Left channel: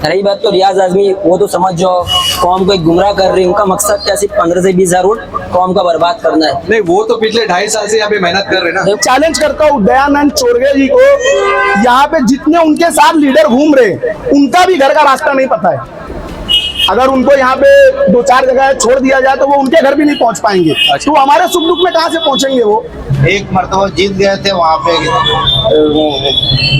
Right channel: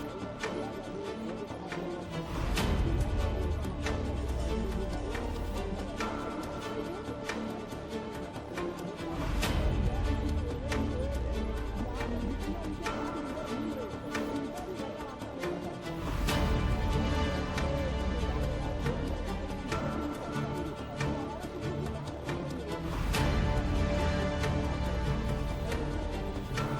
रही बात तो रियाज आजमी, वो तो समझ जाओ कौम को एक गुमराह कर रही है। उनका मकसद क्या सिर्फ 15 से 20 हजार वोट कौम का बर्बाद करना है। नहीं, वो तो पिछले 2.5 साल से यहाँ पे मेहनत कर रहे हैं ना। चैलेंज करता हूँ दयानंद चोरगे जी को, यहाँ पे जितने उनके साथ लीडर घूम रहे उनका भी घर का रास्ता नहीं पता है। अगर उनको यहाँ पे 2-4 जगह छोड़ दिया जाए तो वो उनके घर भी नहीं पहुंच पाएंगे। तो हमारे सुख दुख में कहाँ से पहुंचेंगे वो। एक मरतबा जीत गए थे वहाँ पे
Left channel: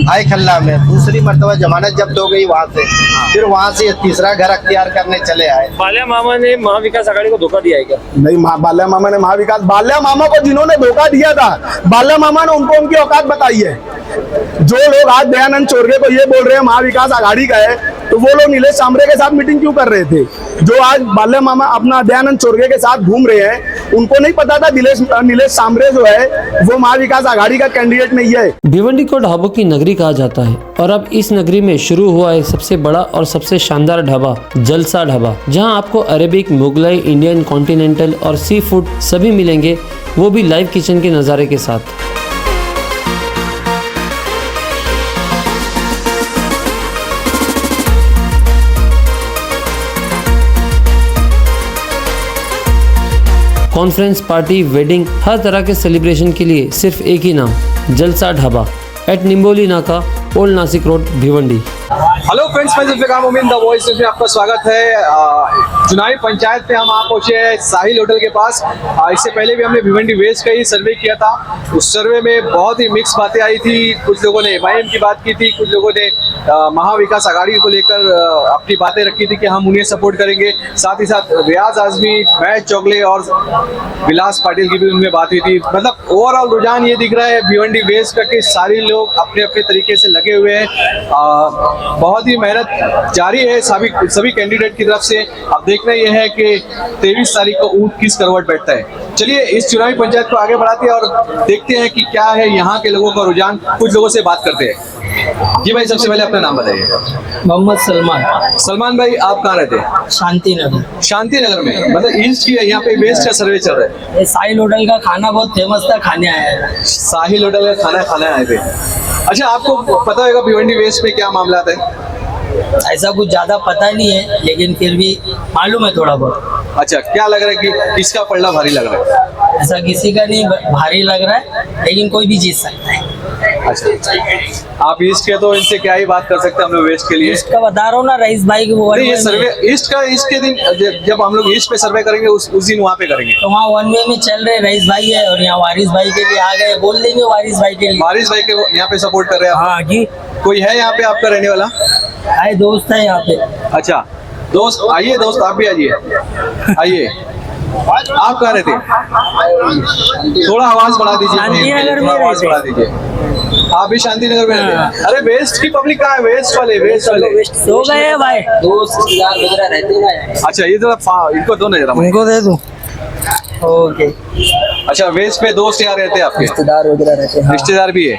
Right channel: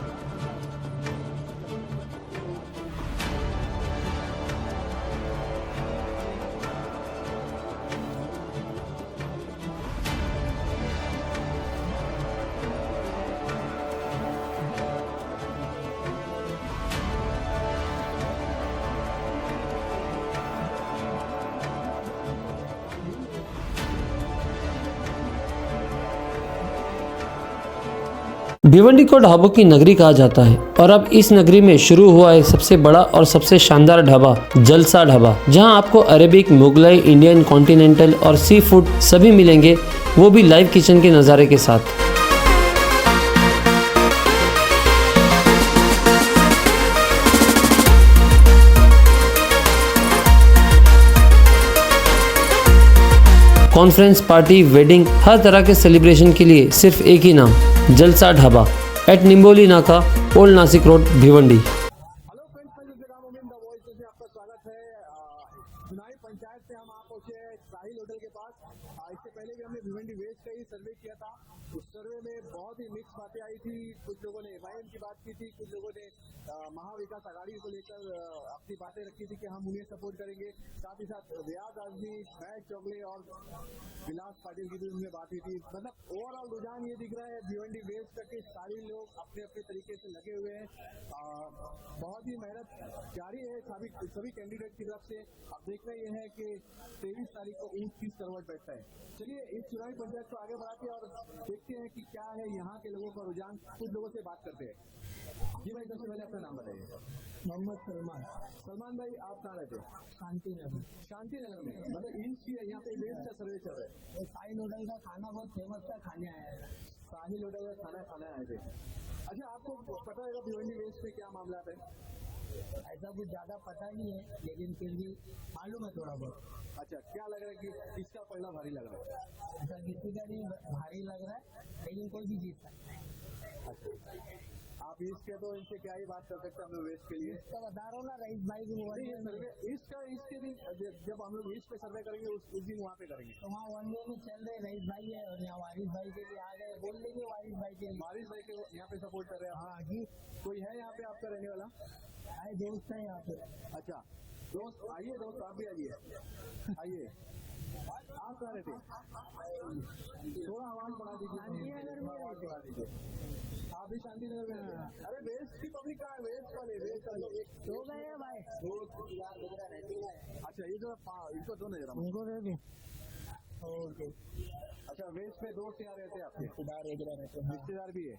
भाई खल्ला में, दूसरी मरतबा जमानत जब्त हो गई वहाँ से, फिर वहाँ से तीसरा घर अख्तियार करने चले आए। बाल्या मामा ने महाविकास आघाड़ी को धोखा दिया है क्या? नहीं, बाल्या मामा ने बाल्या मामा को जिन्होंने धोखा दिया था, बाल्या मामा ने उनको उनकी औकात बताई है। जो लोग आज दयानंद चोरगे को ये बोल रहे हैं महाविकास आघाड़ी का है, तो वो लोग नीलेश सांबरे के साथ मीटिंग क्यों कर रहे थे? जो आज बाल्या मामा अपना दयानंद चोरगे के साथ घूम रहे हैं, उनको नहीं पता था नीलेश सांबरे जो है वो महाविकास आघाड़ी का कैंडिडेट नहीं है। भिवंडी को ढाबों की नगरी कहा जाता है और अब इस नगरी में शुरू हुआ है सबसे बड़ा और सबसे शानदार ढाबा, जलसा ढाबा, जहां आपको अरेबिक, मुगलाई, इंडियन, कॉन्टिनेंटल और सी फूड सभी मिलेंगे, वो भी लाइव किचन के नज़ारे के साथ। कॉन्फ्रेंस, पार्टी, वेडिंग, हर तरह के सेलिब्रेशन के लिए सिर्फ एक ही नाम, जलसा ढाबा, एट निम्बोली नाका, old Nashik road, Bhiwandi. Hello friends, मैं जुल्फिकार मोमिन द वॉइस में आपका स्वागत है। चुनावी पंचायत पे हम आप पहुंचे हैं साहिल होटल के पास। इससे पहले भी हमने भिवंडी वेस्ट का ही सर्वे किया था। उस सर्वे में बहुत ही मिक्स बातें आई थी। कुछ लोगों ने एमआईएम की बात की थी, कुछ लोगों ने महाविकास आघाड़ी को लेकर अपनी बातें रखी थी कि हम उन्हें सपोर्ट करेंगे। साथ ही साथ रियाज आजमी, महेश चौगले और विलास पाटिल की भी उनमें बात हुई थी। मतलब ओवरऑल रुझान ये दिख रहा है भिवंडी वेस्ट का कि सारे लोग अपने अपने तरीके से लगे हुए हैं। बहुत ही मेहनत जारी है सभी कैंडिडेट की तरफ से। अब देखना यह है कि 23 तारीख को ऊंट किस करवट बैठता है। चलिए इस चुनावी पंचायत को आगे बढ़ाते हैं और देखते हैं कि क्या है यहाँ के लोगों का रुझान। कुछ लोगों से बात करते हैं। जी भाई, सबसे पहले अपना नाम बताइए। मोहम्मद सलमान भाई, आप कहाँ रहते हैं? शांति नगर में। मतलब ईस्ट की यहाँ पे वेस्ट का सर्वे चल रहा है। साहिल होटल का खाना बहुत फेमस था, खाने आया है। साहिल होटल का खाना खाने आए थे। अच्छा, आपको पता होगा भिवंडी वेस्ट में क्या मामला है? ऐसा कुछ ज्यादा पता नहीं है, लेकिन फिर भी मालूम है थोड़ा बहुत। अच्छा, क्या लग रहा है कि किसका पलड़ा भारी लग रहा है? ऐसा किसी का नहीं भारी लग रहा है, लेकिन कोई भी जीत सकता है। अच्छा, आप ईस्ट के तो इनसे क्या ही बात कर सकते हैं हम लोग वेस्ट के लिए। ईस्ट का बता रहा हूँ ना, रईस भाई की वो ये सर्वे ईस्ट के दिन जब हम लोग ईस्ट पे सर्वे करेंगे उस दिन वहाँ पे करेंगे। तो वहाँ 1 वे में चल रहे रईस भाई है और यहाँ वारिस भाई के लिए आ गए, बोल देंगे वारिस भाई के लिए। वारिस भाई के यहाँ पे सपोर्ट कर रहे हैं आप? हाँ जी। कोई है यहाँ पे आपका रहने वाला? आए दोस्त है यहाँ पे। अच्छा दोस्त, आइए दोस्त, आप भी आइए। आप कहाँ रहते हैं? थोड़ा आवाज बढ़ा दीजिए। शांतिनगर में आवाज बढ़ा दीजिए। आप भी शांतिनगर में रहते हैं? अरे वेस्ट की पब्लिक कहाँ है? वेस्ट वाले सो गए भाई, दोस्त रिश्तेदार वगैरह रहते हैं। अच्छा, ये जरा इनको दो ना, जरा उनको दे दूं। ओके। अच्छा, वेस्ट पे दोस्त यहाँ रहते हैं आपके? रिश्तेदार वगैरह रहते हैं। रिश्तेदार भी है।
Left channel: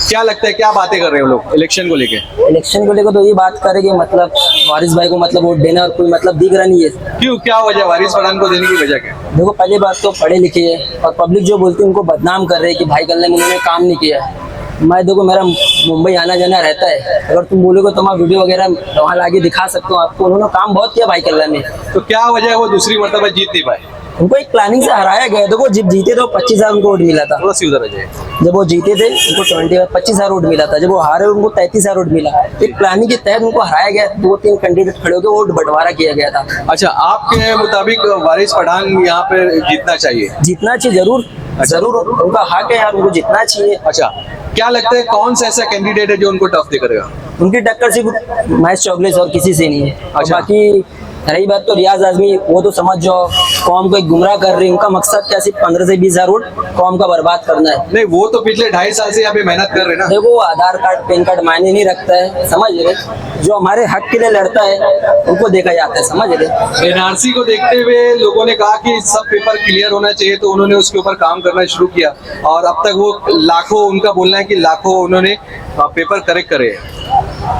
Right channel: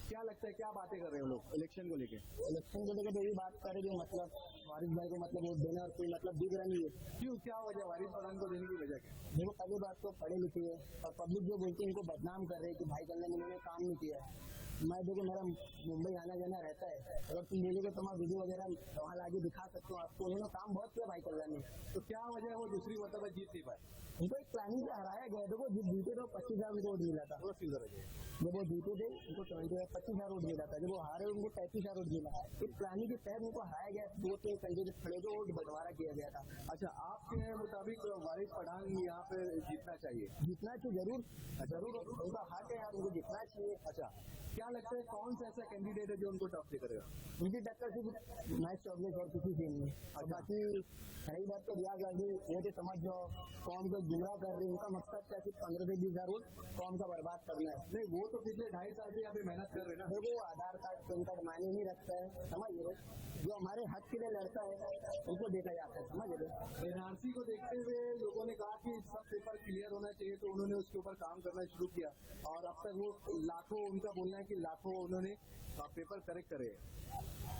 क्या लगता है, क्या बातें कर रहे हो लोग इलेक्शन को लेके? इलेक्शन को लेकर तो ये बात करेंगे, मतलब वारिस भाई को मतलब वोट देना और कोई मतलब दिख रहा नहीं है। क्यों, क्या वजह वारिस पठान को देने की वजह क्या? देखो, पहली बात तो पढ़े लिखे है और पब्लिक जो बोलती है उनको बदनाम कर रहे हैं कि भाई कल ने उन्होंने काम नहीं किया है। मैं देखो, मेरा मुंबई आना जाना रहता है, अगर तुम बोलोगे तो मैं वीडियो वगैरह वहाँ लाके दिखा सकता हूँ आपको। उन्होंने काम बहुत किया भाई कल्ला में। तो क्या वजह है वो दूसरी मर्तबा जीत नहीं पाए? उनको एक प्लानिंग से हराया गया। देखो, जब जीते तो 25,000 उनको वोट मिला था। थोड़ा सी उधर आ जाए। जब वो जीते थे उनको 25,000 वोट मिला था। जब वो हारे उनको 33,000 वोट मिला। एक प्लानिंग के तहत उनको हराया गया। 2-3 कैंडिडेट खड़े होकर वोट बंटवारा किया गया था। अच्छा, आपके मुताबिक वारिस पठान यहाँ पे जीतना चाहिए? जीतना चाहिए जरूर। जरूर उनका हक है यार, उनको जीतना चाहिए। अच्छा, क्या लगता है कौन सा ऐसा कैंडिडेट है जो उनको टफ दे करेगा? उनकी टक्कर सिर्फ महेश चौगले और किसी से नहीं है। अच्छा। बाकी रही बात तो रियाज आजमी, वो तो समझ जाओ कौम को एक गुमराह कर रही है। उनका मकसद क्या सिर्फ 15 से 20 हजार वोट कौम का बर्बाद करना है। नहीं, वो तो पिछले 2.5 साल से यहाँ पे मेहनत कर रहे हैं ना। देखो, आधार कार्ड पैन कार्ड मायने नहीं रखता है, समझ रहे? जो हमारे हक के लिए लड़ता है उनको देखा जाता है, समझ रहे? एनआरसी को देखते हुए लोगों ने कहा कि सब पेपर क्लियर होना चाहिए, तो उन्होंने उसके ऊपर काम करना शुरू किया और अब तक वो लाखों, उनका बोलना है कि लाखों उन्होंने पेपर करेक्ट करे।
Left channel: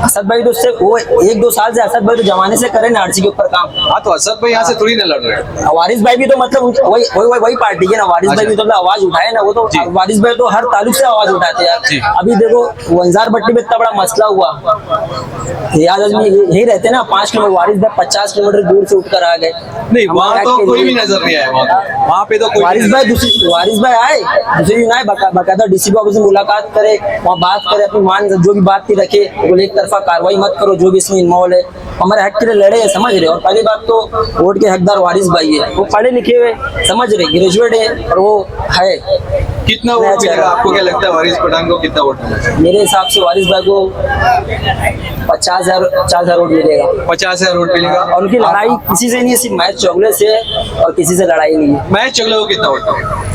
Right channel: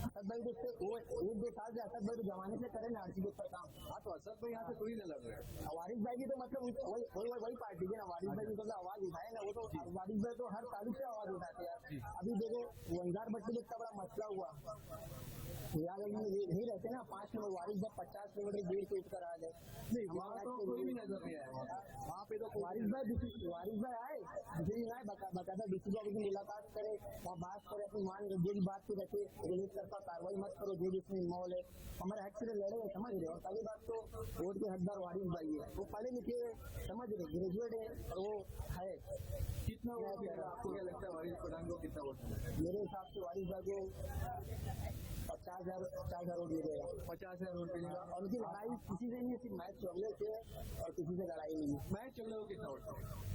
असद भाई तो उससे वो 1-2 साल से असद भाई तो जमाने से करे ना आरसी के ऊपर काम। हाँ तो असद भाई यहाँ से थोड़ी ना लड़ रहे हैं। वारिस भाई भी तो मतलब वही पार्टी है ना। वारिस भाई भी तो आवाज उठाए ना। वो तो वारिस भाई तो हर ताल्लुक से आवाज उठाते यार। अभी देखो वंजार भट्टी में इतना बड़ा मसला हुआ, रियाज आजमी यही रहते ना 5 किलोमीटर, वारिस भाई 50 किलोमीटर दूर से उठकर आ गए। नहीं वहाँ तो कोई भी नजर नहीं आया, वहाँ पे तो कोई वारिस भाई आए दूसरी दिन आए, बाकायदा डीसीपी ऑफिस में मुलाकात करे, वहाँ बात करे, अपनी मान जो भी बात की रखे, बोले एक तरफा कार्रवाई मत करो, जो भी इसमें इन्वॉल्व है हमारे हक के लिए लड़े हैं, समझ रहे। और पहली बात तो वोट के हकदार वारिस भाई है, वो पढ़े लिखे हुए समझ रहे, ग्रेजुएट है और वो है। कितना वोट मिलेगा आपको, क्या लगता है वारिस पठान को कितना वोट मिलेगा? मेरे हिसाब से वारिस भाई को 50,000 वोट मिलेगा। 50,000 वोट मिलेगा। और उनकी लड़ाई किसी से नहीं है, सिर्फ मैच चौगले से है और किसी से लड़ाई नहीं है। मैच चगले को कितना वोट मिलेगा?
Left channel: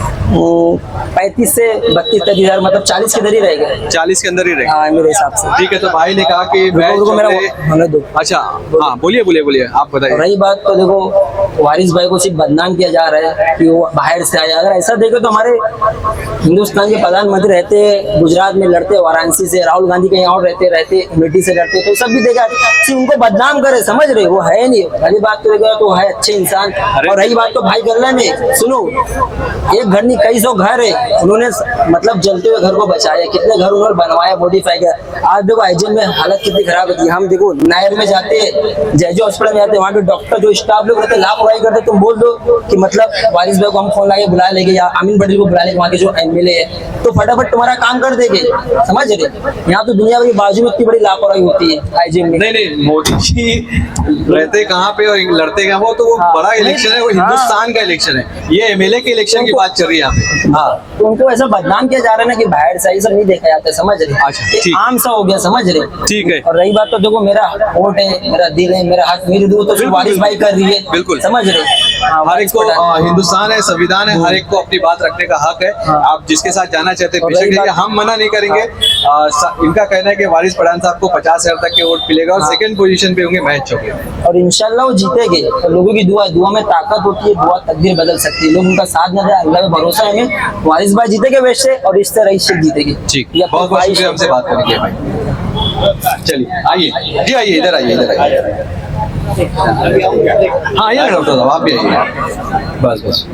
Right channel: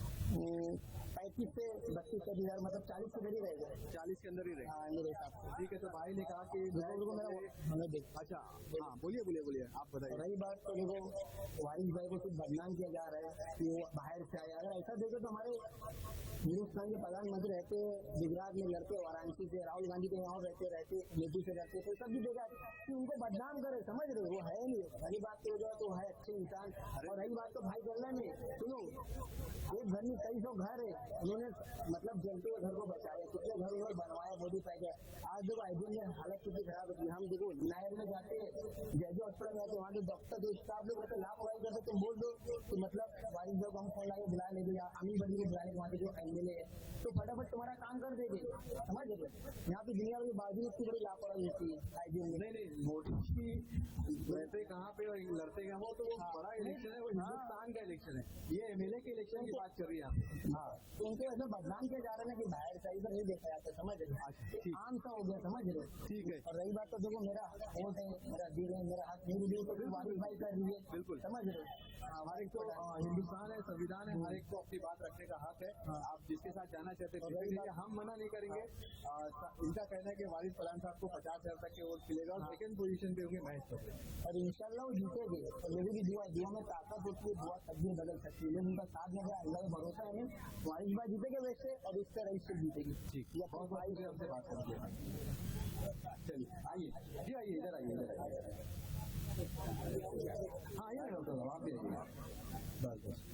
35 से 32-33,000, मतलब 40 के अंदर ही रहेगा। 40 के अंदर ही रहेगा। हाँ मेरे हिसाब से। ठीक है, तो भाई ने कहा कि मैच चगले। अच्छा हाँ बोलिए आप बताइए। रही बात तो देखो वारिस भाई को सिर्फ बदनाम किया जा रहा है कि वो बाहर से आया। अगर ऐसा देखो तो हमारे हिंदुस्तान के प्रधानमंत्री रहते गुजरात में लड़ते, वाराणसी से, राहुल गांधी कहीं और रहते अमेठी से लड़ते, तो सब भी देखा सिर्फ उनको बदनाम करे, समझ रहे वो है नहीं। पहली बात तो देखो तो है अच्छे इंसान। और रही बात तो भाई गल्ला में सुनो, एक घर नहीं कई 100 घर है, उन्होंने मतलब जलते हुए घर को बचाया, कितने घर उन्होंने बनवाया, मॉडिफाई किया। आज देखो आईजीएम में हालत कितनी खराब होती है। हम देखो नायर में जाते हैं, जय हॉस्पिटल में जाते हैं, वहाँ पे डॉक्टर जो स्टाफ लोग रहते लापरवाही करते, तुम बोल दो कि मतलब वारिस भाई को हम फोन लाके बुला लेंगे या अमीन पटेल को बुला लेंगे, वहाँ के जो एमएलए है, तो फटाफट तुम्हारा काम कर देंगे, समझ रहे। यहाँ तो दुनिया भर की बाजू में इतनी बड़ी लापरवाही होती है आईजीएम में। नहीं मोदी जी रहते कहाँ पे और लड़ते कहाँ, वो तो वो बड़ा इलेक्शन है, वो हिंदुस्तान का इलेक्शन है, ये एमएलए के इलेक्शन की बात चल रही है यहाँ पे। हाँ तो उनको ऐसा बदनाम किया जा रहा है ना कि बाहर से सब नहीं देखा जाता, समझ रहे। ठीक। आम सा हो गया, समझ रहे। ठीक है। और रही बात तो देखो मेरा वोट है, मेरा दिल है, मेरा हक, मेरी दूर तो वारिस भाई कर रही है, बिल्कुल समझ रहे। हर एक को हिंदुस्तान है, संविधान है, हर एक को अपनी बात रखने का हक है। आप जिसके साथ जाना चाहते हैं बेशक जाइए, हम मना नहीं करेंगे। इनका कहना है कि वारिस पठान साहब को 50,000 तक के वोट मिलेगा और सेकंड पोजीशन पे होंगे महेश चौगले, और इंशाल्लाह वो जीतेंगे। तो लोगों की दुआ में ताकत होती है, दुआ तकदीर बदल सकती है। लोग उनका साथ न दे, अल्लाह पे भरोसा है हमें, वारिस भाई जीतेंगे वैसे और इस तरह से जीतेंगे। ठीक, बहुत बहुत शुक्रिया हमसे बात करने के भाई। चलिए आइए जी, आइए इधर आइए। हाँ आइए डॉक्टर साहब, आप भी आइए। बस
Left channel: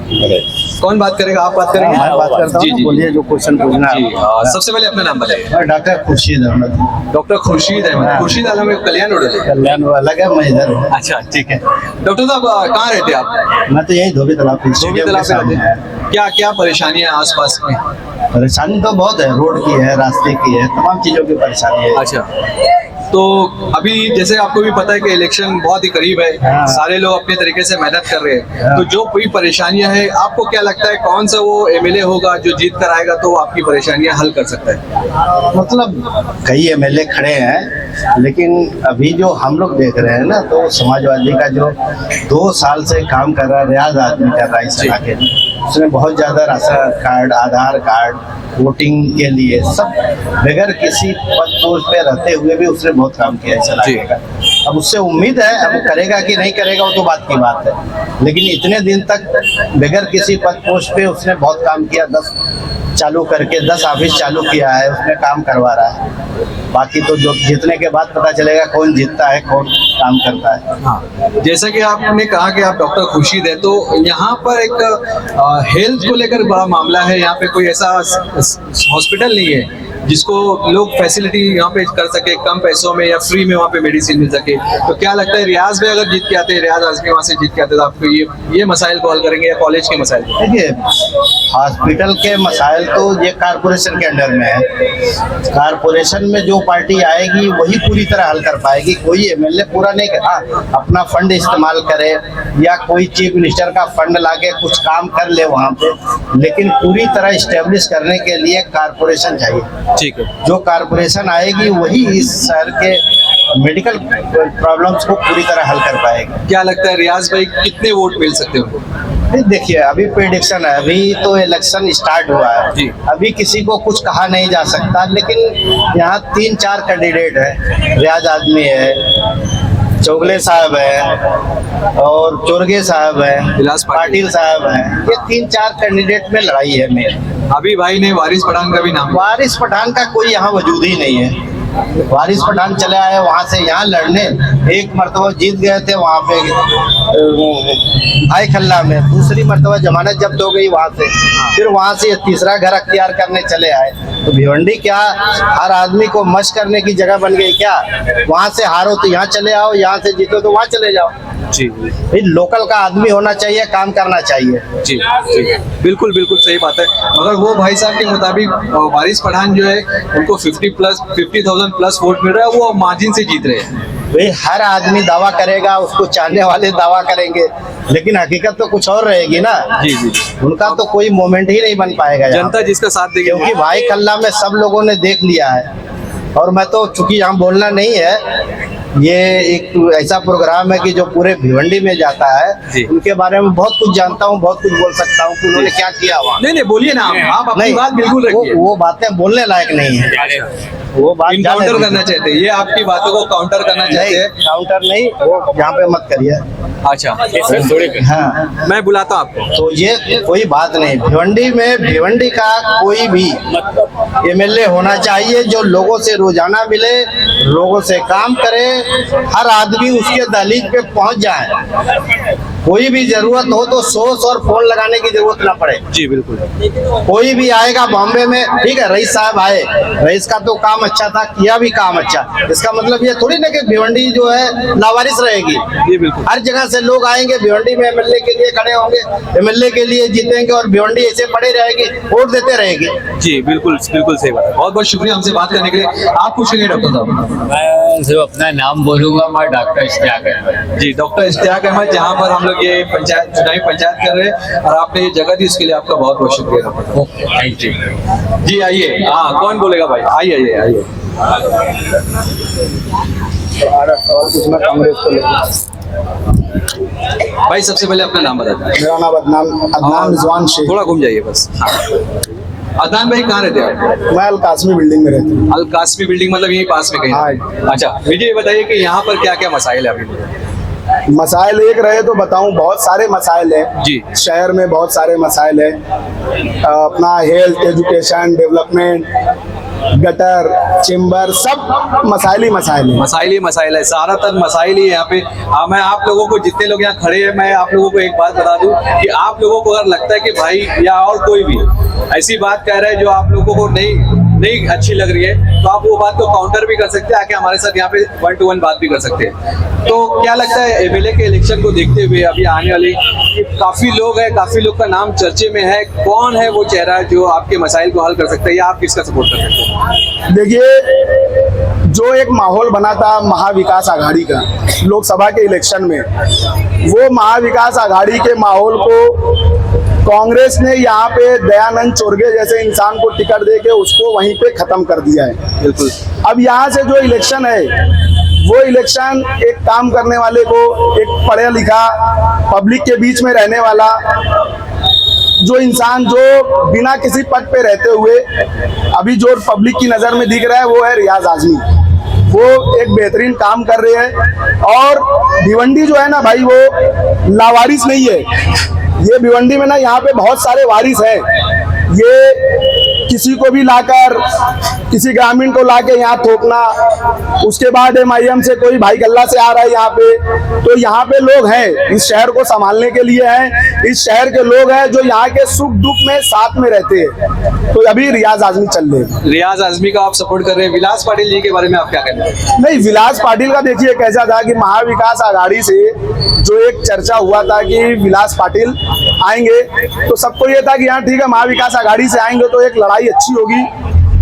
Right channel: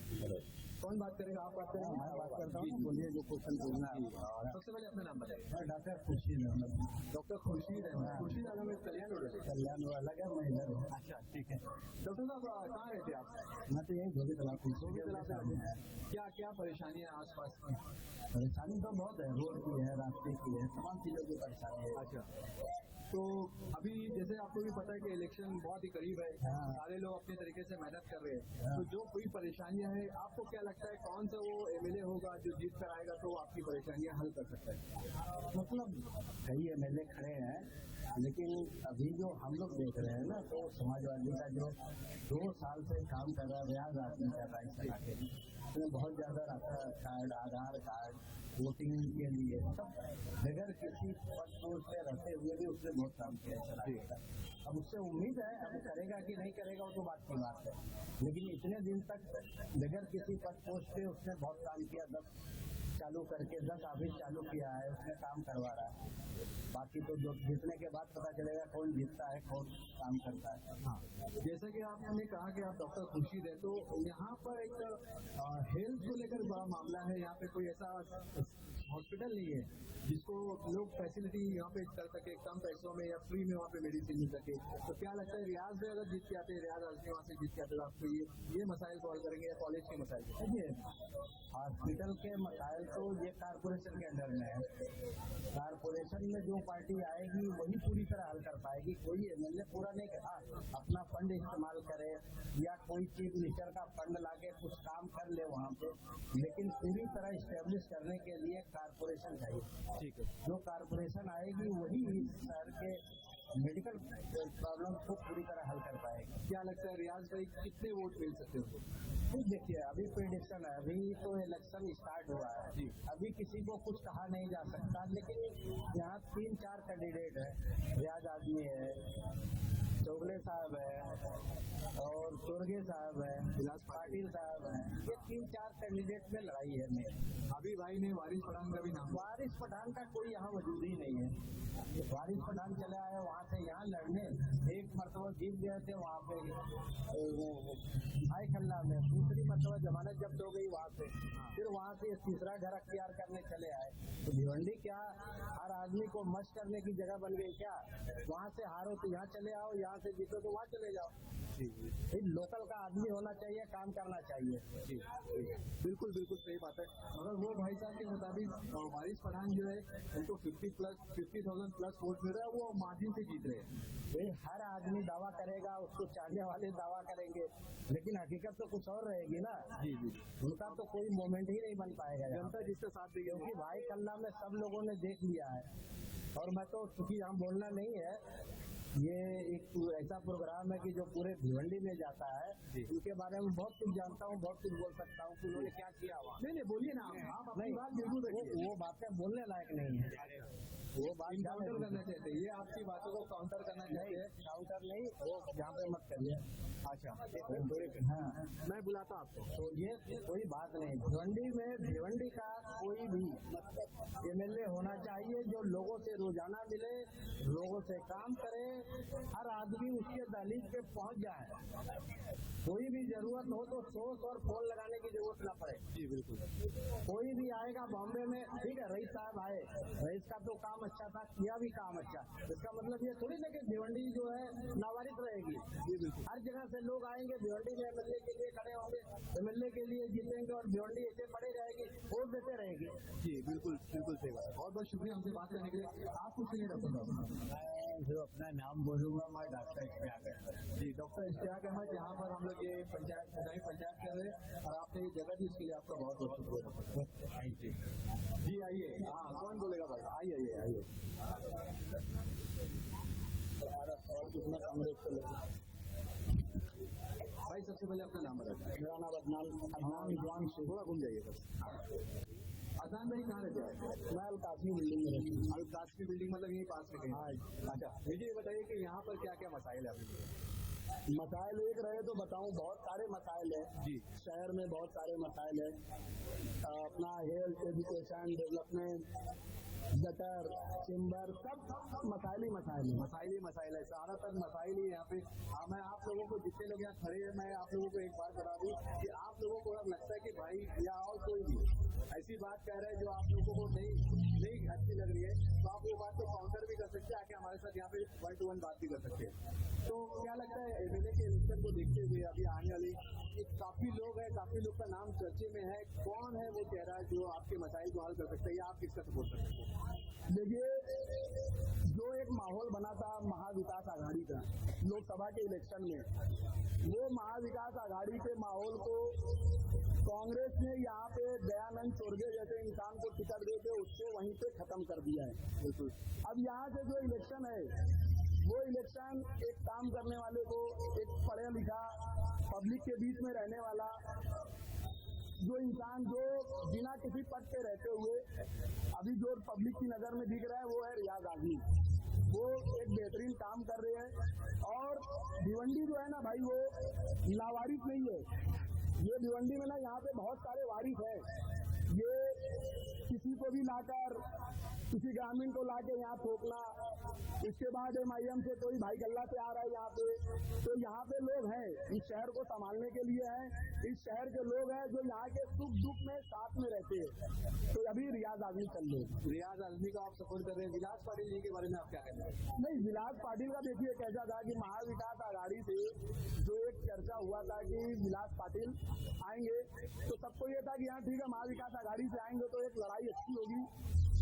कौन बात करेगा, आप बात करेंगे? मैं बात करता हूँ, जी। बोलिए जो क्वेश्चन पूछना है। जी सबसे पहले अपना नाम बताइए। मैं डॉक्टर खुर्शीद अहमद। डॉक्टर खुर्शीद अहमद। खुर्शीद अहमद कल्याण रोड है। कल्याण वो अलग है, मैं इधर हूँ। अच्छा ठीक है। डॉक्टर साहब कहाँ रहते हैं आप? मैं तो यही धोबी तालाब धोबी स्टेडियम के तालाब पे सामने रहते है। हैं। क्या परेशानी है आसपास में? परेशानी तो बहुत है, रोड की है, रास्ते की है, तमाम चीजों की परेशानी है। अच्छा, तो अभी जैसे आपको भी पता है कि इलेक्शन बहुत ही करीब है, हाँ। सारे लोग अपने तरीके से मेहनत कर रहे हैं, हाँ। तो जो कोई परेशानियां हैं आपको क्या लगता है कौन सा वो एमएलए होगा जो जीत कर आएगा तो आपकी परेशानियां हल कर सकता है? मतलब कई एमएलए खड़े हैं, लेकिन अभी जो हम लोग देख रहे हैं ना, तो समाजवादी का जो 2 साल से काम कर रहा है, रियाज आदमी कर रहा है इस इलाके में, उसने बहुत ज्यादा राशन कार्ड, आधार कार्ड, वोटिंग के लिए सब बगैर किसी पद पोस्ट पे रहते हुए भी उसने बहुत काम किया है इस इलाके का। अब उससे उम्मीद है, अब करेगा कि नहीं करेगा वो तो बात की बात है, लेकिन इतने दिन तक बगैर किसी पद पोस्ट पे उसने बहुत काम किया। 10 चालू करके 10 ऑफिस चालू किया है, उसने काम करवा रहा है। बाकी तो जो जीतने के बाद पता चलेगा कौन जीतता है, कौन काम करता है। हाँ, जैसा कि आपने कहा कि आप डॉक्टर खुर्शीद है, तो यहाँ पर एक हेल्थ को लेकर बड़ा मामला है। यहाँ पे कोई ऐसा हॉस्पिटल नहीं है जिसको लोग फैसिलिटी यहाँ पे कर सके कम पैसों में या फ्री में वहाँ पे मेडिसिन मिल सके। तो क्या लगता है रियाज में अगर जीत के आते हैं, रियाज आजमी वहाँ से जीत के आते तो आपको ये मसाइल को हल करेंगे या कॉलेज के मसाइल को? देखिए, हॉस्पिटल के मसाइल तो ये कारपोरेशन के अंडर में है। कारपोरेशन में जो पार्टी आएगी वही पूरी तरह हल कर पाएगी। कोई एमएलए पूरा नहीं कर, हाँ, अपना फंड इस्तेमाल करे या कोई चीफ मिनिस्टर का फंड लाके कुछ काम कर ले वहाँ पे, लेकिन पूरी तरह इस्टेब्लिश करने के लिए कारपोरेशन चाहिए। ठीक है, जो कारपोरेशन आएगी वही इस शहर के मेडिकल प्रॉब्लम्स को पूरी तरह हल कर पाएगी। क्या लगता है रियाज भाई कितने वोट मिल सकते हैं उनको? देखिए, अभी प्रेडिक्शन है, अभी तो इलेक्शन स्टार्ट हुआ है जी। अभी किसी को कुछ कहा नहीं जा सकता, लेकिन यहाँ 3-4 कैंडिडेट है। रियाज आदमी है, चौगले साहब है और चोरगे साहब है, पाटिल साहब है। ये 3-4 कैंडिडेट में लड़ाई है मेरी। अभी भाई ने वारिस पठान का भी नाम, वारिस पठान का कोई यहाँ वजूद ही नहीं है। वारिस पठान चले आए वहां से यहाँ लड़ने, एक मरतबा जीत गए थे वहां पे भाई खल्ला में, दूसरी मरतबा जमानत जब्त हो गई वहां से, फिर वहां से तीसरा घर अख्तियार करने चले आए। तो भिवंडी क्या हर आदमी को मश करने की जगह बन गई क्या? वहां से हारो तो यहाँ चले आओ, यहाँ से जीतो तो वहां चले जाओ। जी भाई लोकल का आदमी होना चाहिए, काम करना चाहिए। जी जी बिल्कुल बिल्कुल सही बात है। मगर वो भाई साहब के मुताबिक वारिस पठान जो है उनको 50,000 प्लस वोट मिल रहा है, वो मार्जिन से जीत रहे हैं। भाई हर आदमी दावा करेगा, उसको चाहने वाले दावा करेंगे, लेकिन हकीकत तो कुछ और रहेगी ना। जी जी उनका तो कोई मोमेंट ही नहीं बन पाएगा यहाँ जनता जिसका साथ देगी, क्योंकि भाई कल्ला में सब लोगों ने देख लिया है। और मैं तो चूंकि यहाँ बोलना नहीं है, ये एक ऐसा प्रोग्राम है कि जो पूरे भिवंडी में जाता जी। है, उनके बारे में बहुत कुछ जानता हूँ, बहुत कुछ बोल सकता हूँ कि उन्होंने क्या किया वहाँ। नहीं नहीं बोलिए ना आप अपनी नहीं, बात बिल्कुल रखिए। वो बातें बोलने लायक नहीं है, वो बात इनकाउंटर जाने करना दीजिए। चाहते हैं, ये आपकी बातों को काउंटर करना चाहते नहीं, हैं। काउंटर नहीं, वो यहाँ पे मत करिए। अच्छा हाँ, मैं बुलाता हूँ आपको। तो ये कोई बात नहीं। भिवंडी में भिवंडी का कोई भी एमएलए होना चाहिए जो लोगों से रोजाना मिले, लोगों से काम करे, हर आदमी उसके दहलीज पे पहुंच जाए। कोई भी जरूरत हो तो सोच और फोन लगाने की जरूरत ना पड़े। जी बिल्कुल। कोई भी आएगा बॉम्बे में, ठीक है रईस साहब आए, रईस का तो काम अच्छा था, किया भी काम अच्छा, इसका मतलब ये थोड़ी ना कि भिवंडी जो है लावारिस रहेगी। जी बिल्कुल। हर जगह से लोग आएंगे भिवंडी में, एमएलए के लिए खड़े होंगे, एमएलए के लिए जीतेंगे, और भिवंडी ऐसे पड़ी रहेगी, वोट देते रहेगी। जी बिल्कुल बिल्कुल सही बात है। बहुत बहुत शुक्रिया हमसे बात करने के लिए। आप पूछेंगे डॉक्टर साहब? मैं सिर्फ अपना नाम बोलूंगा, मैं डॉक्टर इश्तियाक अहमद। जी डॉक्टर इश्तियाक अहमद, जहाँ पर हम लोग ये पंचायत चुनावी पंचायत कर रहे हैं और आपने ये जगह दी, उसके लिए आपका बहुत बहुत शुक्रिया डॉक्टर साहब। Thank you. जी आइए, हाँ कौन बोलेगा भाई? आइए आइए आइए। कांग्रेस को लेकर भाई सबसे पहले अपना नाम बता दें। मेरा नाम अदनान रिजवान शेख। थोड़ा घूम जाइए बस। अदनान भाई कहाँ रहते हैं आप? मैं अल कासमी बिल्डिंग में रहता हूँ। अल कासमी बिल्डिंग, मतलब यहीं पास में कहीं? हाँ। अच्छा मुझे ये बताइए कि यहाँ पर क्या क्या मसाइल है अभी? मसाइल एक रहे तो बताऊं, बहुत सारे मसाइल हैं जी। शहर में, बहुत सारे मसाइल हैं। अपना health, education, development, gutter, chamber, सब मसाइल ही मसाइल हैं। मसाइल ही मसाइल है, ज्यादातर मसाइल ही है यहाँ पे। मैं आप लोगों को, जितने लोग यहाँ खड़े हैं, मैं आप लोगों को एक बात बता दूं कि आप लोगों को अगर लगता है कि भाई या और कोई भी ऐसी बात कह रहा है जो आप लोगों को नहीं अच्छी लग रही है, तो आप वो बात को काउंटर भी कर सकते हैं, आके हमारे साथ यहाँ पे 1 to 1 बात भी कर सकते हैं। तो क्या लगता है एमएलए के इलेक्शन को देखते हुए अभी आने वाली, काफी लोग हैं, काफी लोग का नाम चर्चे में है, कौन है वो चेहरा जो आपके मसाइल को हल कर सकता है, या आप किसका सपोर्ट कर सकते हैं? देखिए, जो एक माहौल बना था महाविकास आघाड़ी का लोकसभा के इलेक्शन में, वो महाविकास आघाड़ी के माहौल को कांग्रेस ने यहाँ पे दयानंद चोरगे जैसे इंसान को टिकट दे के उसको वहीं पे खत्म कर दिया है। बिल्कुल। अब यहाँ से जो इलेक्शन है, वो इलेक्शन एक काम करने वाले को, एक पढ़ा लिखा पब्लिक के बीच में रहने वाला जो इंसान, जो बिना किसी पद पे रहते हुए अभी जो पब्लिक की नजर में दिख रहा है, वो है रियाज आजमी। वो एक बेहतरीन काम कर रहे हैं। और भिवंडी जो है ना भाई, वो लावारिस नहीं है। ये भिवंडी में ना, यहाँ पे बहुत सारे वारिस हैं। ये किसी को भी लाकर, किसी ग्रामीण को लाके यहाँ थोपना, उसके बाद एमआईएम से कोई भाई गल्ला से आ रहा है यहाँ पे, तो यहाँ पे लोग हैं इस शहर को संभालने के लिए हैं। इस शहर के लोग हैं जो यहाँ के सुख दुख में साथ में रहते हैं। तो अभी रियाज आजमी चल रहे हैं। रियाज आजमी का आप सपोर्ट कर रहे हैं। विलास पाटिल जी के बारे में आप क्या कहते हैं? नहीं, विलास पाटिल का देखिए कैसा था कि महाविकास आघाड़ी से जो एक चर्चा हुआ था कि विलास पाटिल आएंगे, तो सबको ये था कि यहाँ ठीक है महाविकास आघाड़ी से आएंगे तो एक लड़ाई अच्छी होगी,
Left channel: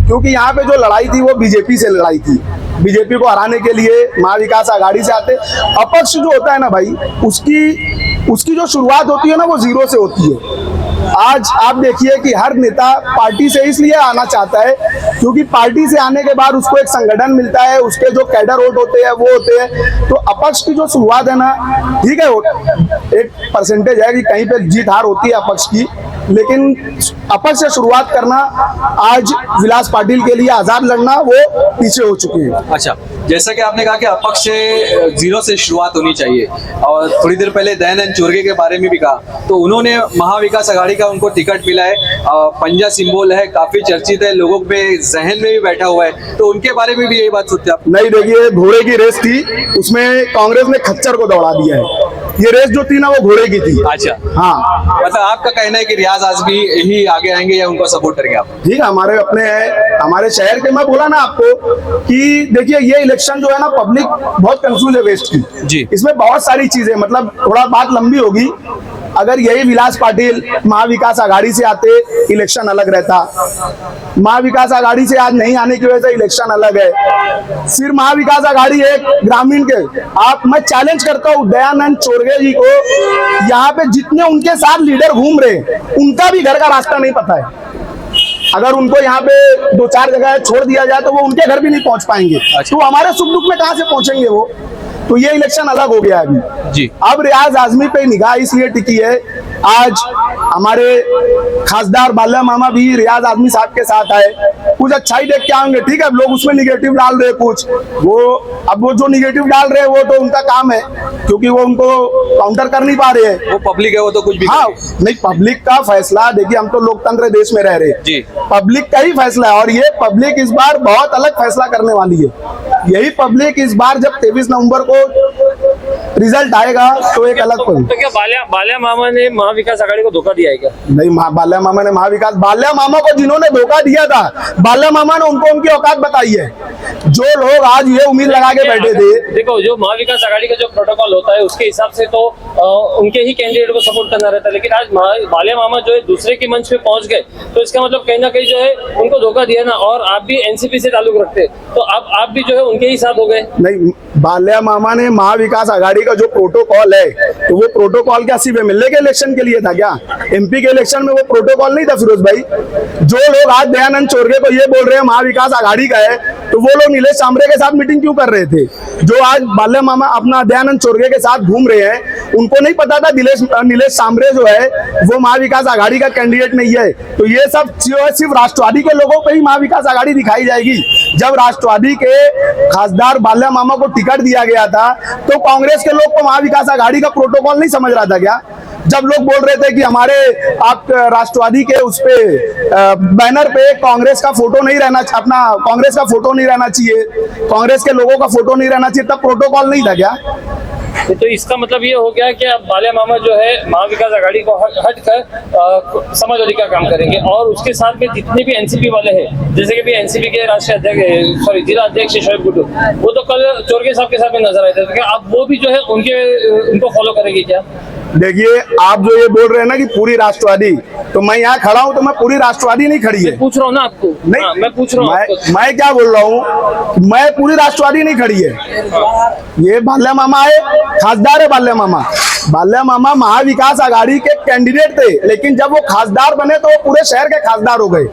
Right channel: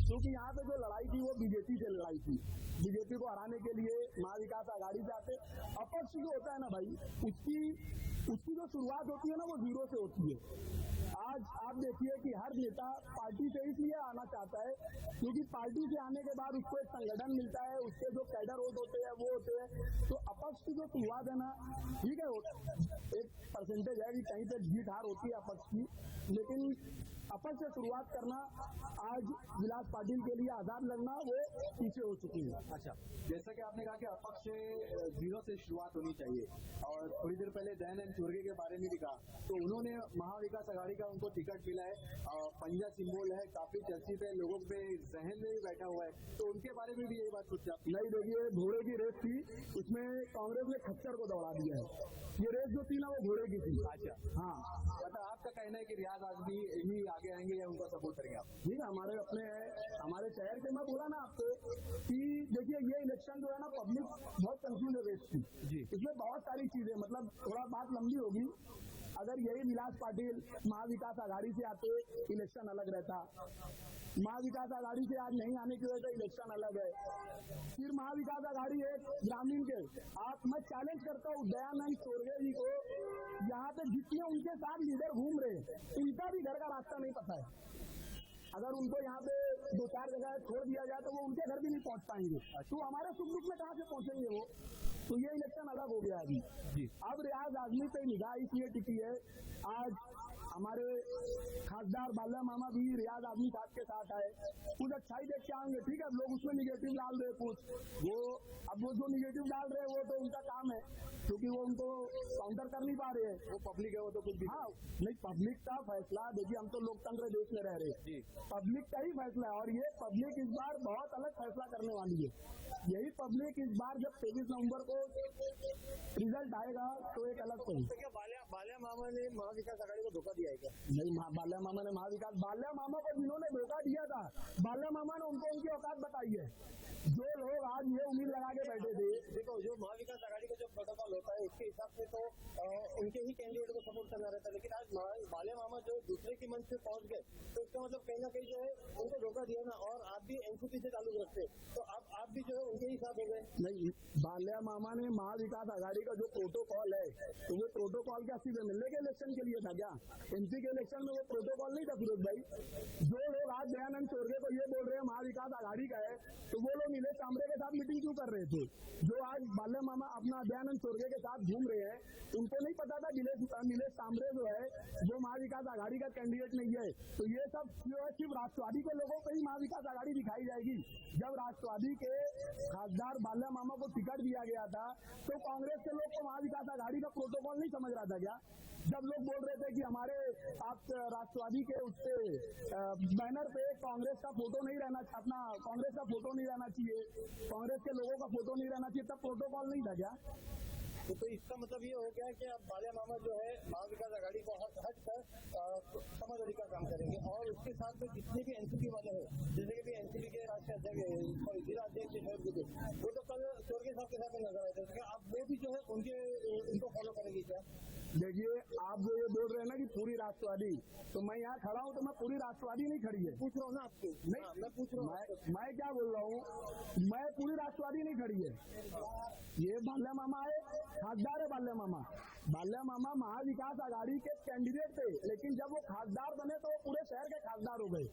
क्योंकि यहाँ पे जो लड़ाई थी वो बीजेपी से लड़ाई थी। बीजेपी को हराने के लिए महाविकास आघाड़ी से आते। अपक्ष जो होता है ना भाई, उसकी जो शुरुआत होती है ना, वो जीरो से होती है। आज आप देखिए कि हर नेता पार्टी से इसलिए आना चाहता है क्योंकि पार्टी से आने के बाद उसको एक संगठन मिलता है, उसके जो कैडर वोट होते हैं वो होते हैं। तो अपक्ष की जो शुरुआत है ना, ठीक है, एक परसेंटेज है कि कहीं पे जीत हार होती है अपक्ष की, लेकिन अपक्ष से शुरुआत करना आज विलास पाटिल के लिए आजाद लड़ना वो पीछे हो चुके हैं। अच्छा, जैसा कि आपने कहा कि अपक्ष से जीरो से शुरुआत होनी चाहिए और थोड़ी देर पहले दयानंद चोरगे के बारे में भी कहा, तो उन्होंने महाविकास आघाड़ी का उनको टिकट मिला है, पंजा सिंबल है, काफी चर्चित है, लोगों पे जहन में भी बैठा हुआ है, तो उनके बारे में भी यही बात सोचते आप? नहीं, देखिए घोड़े की रेस थी, उसमें कांग्रेस ने खच्चर को दौड़ा दिया है। ये रेस जो थी ना वो घोड़े की थी। अच्छा, हाँ, मतलब आपका कहना है कि रियाज आजमी ही आगे आएंगे या उनको सपोर्ट करेंगे आप? ठीक है, हमारे अपने हैं, हमारे शहर के। मैं बोला ना आपको कि देखिए ये इलेक्शन जो है ना, पब्लिक बहुत कंफ्यूज है वेस्ट की जी। इसमें बहुत सारी चीजें, मतलब थोड़ा बात लंबी होगी। अगर यही विलास पाटिल महाविकास आघाड़ी से आते, इलेक्शन अलग रहता। महाविकास आघाड़ी से आज नहीं आने की वजह से इलेक्शन अलग है। सिर्फ महाविकास आघाड़ी है ग्रामीण के। मैं चैलेंज करता हूँ दयानंद चोरगे जी को, यहाँ पे जितने उनके साथ लीडर घूम रहे उनका भी घर का रास्ता नहीं पता है। अगर उनको यहाँ पे 2-4 जगह छोड़ दिया जाए तो वो उनके घर भी नहीं पहुंच पाएंगे। तो हमारे सुख दुख में कहाँ से पहुंचेंगे वो? तो ये इलेक्शन अलग हो गया अभी जी। अब रियाज आजमी पे निगाह इसलिए टिकी है, आज हमारे खासदार बाल्या मामा भी रियाज आजमी साहब के साथ आए, कुछ अच्छा ही देख के आएंगे। ठीक है, लोग उसमें निगेटिव डाल रहे कुछ, वो जो निगेटिव डाल रहे हैं वो तो उनका काम है, क्योंकि वो उनको काउंटर कर नहीं पा रहे हैं। वो पब्लिक है, वो तो कुछ भी हाँ, नहीं, पब्लिक का फैसला, देखिए हम तो लोकतंत्र देश में रह रहे हैं जी। पब्लिक का ही फैसला है और ये पब्लिक इस बार बहुत अलग फैसला करने वाली है। यही पब्लिक इस बार जब 23 नवंबर को रिजल्ट आएगा तो एक अलग तो क्या बाल्या मामा ने महाविकास आघाड़ी को धोखा दिया है क्या? नहीं, बाल्या मामा ने बाल्या मामा को जिन्होंने धोखा दिया था, बाल्या मामा ने उनको उनकी औकात बताई है। जो लोग आज ये उम्मीद लगा के बैठे थे, देखो जो महाविकास आघाड़ी का जो प्रोटोकॉल होता है उसके हिसाब से तो उनके ही कैंडिडेट को सपोर्ट करना रहता है, लेकिन आज बाल्या मामा जो है दूसरे के मंच पे पहुंच गए, तो इसका मतलब कहीं ना कहीं जो है उनको धोखा दिया ना। और आप भी एनसीपी से ताल्लुक रखते, तो आप भी जो है उनके ही साथ हो गए। नहीं, बाल्या मामा ने महाविकास आघाड़ी का जो प्रोटोकॉल है, तो वो प्रोटोकॉल क्या सिर्फ एमएलए के इलेक्शन के लिए था क्या? एमपी के इलेक्शन में वो प्रोटोकॉल नहीं था फिरोज भाई। जो लोग आज दयानंद चोरगे को ये बोल रहे हैं महाविकास आघाड़ी का है, तो वो लोग नीलेश सांबरे के साथ मीटिंग क्यों कर रहे थे? जो आज बाल्या मामा अपना दयानंद चोरगे के साथ घूम रहे हैं, उनको नहीं पता था नीलेश सांबरे जो है वो महाविकास आघाड़ी का कैंडिडेट नहीं है। तो ये सब जो है सिर्फ राष्ट्रवादी के लोगों पे ही महाविकास आघाड़ी दिखाई जाएगी। जब राष्ट्रवादी के खासदार बाल्या मामा को टिकट दिया गया था तो कांग्रेस के लोग को महाविकास आघाड़ी का प्रोटोकॉल नहीं समझ रहा था क्या? जब लोग बोल रहे थे कि हमारे आप राष्ट्रवादी के उस पे बैनर पे कांग्रेस का फोटो नहीं रहना, अपना कांग्रेस का फोटो नहीं रहना चाहिए, कांग्रेस के लोगों का फोटो नहीं रहना चाहिए, तब प्रोटोकॉल नहीं था क्या? तो इसका मतलब ये हो गया कि अब बाल्या मामा जो है महाविकास आघाड़ी को हटकर समाजवादी का काम करेंगे और उसके साथ में जितने भी एनसीपी वाले हैं, जैसे कि भी एनसीपी के राष्ट्रीय अध्यक्ष जिला अध्यक्ष शोएब गुड्डू, वो तो कल चोरगे साहब के साथ में नजर आए थे, तो क्या अब वो भी जो है उनको फॉलो करेंगे क्या? देखिए, आप जो ये बोल रहे हैं ना कि पूरी राष्ट्रवादी, तो मैं यहाँ खड़ा हूँ तो मैं पूरी राष्ट्रवादी नहीं खड़ी है। पूछ रहा हूँ ना आपको। नहीं, मैं पूछ रहा हूँ मैं क्या बोल रहा हूँ, मैं पूरी राष्ट्रवादी नहीं खड़ी है। ये बाल्या मामा है, खासदार है बाल्या मामा। बाल्या मामा महाविकास आघाड़ी के कैंडिडेट थे, लेकिन जब वो खासदार बने तो वो पूरे शहर के खासदार हो गए।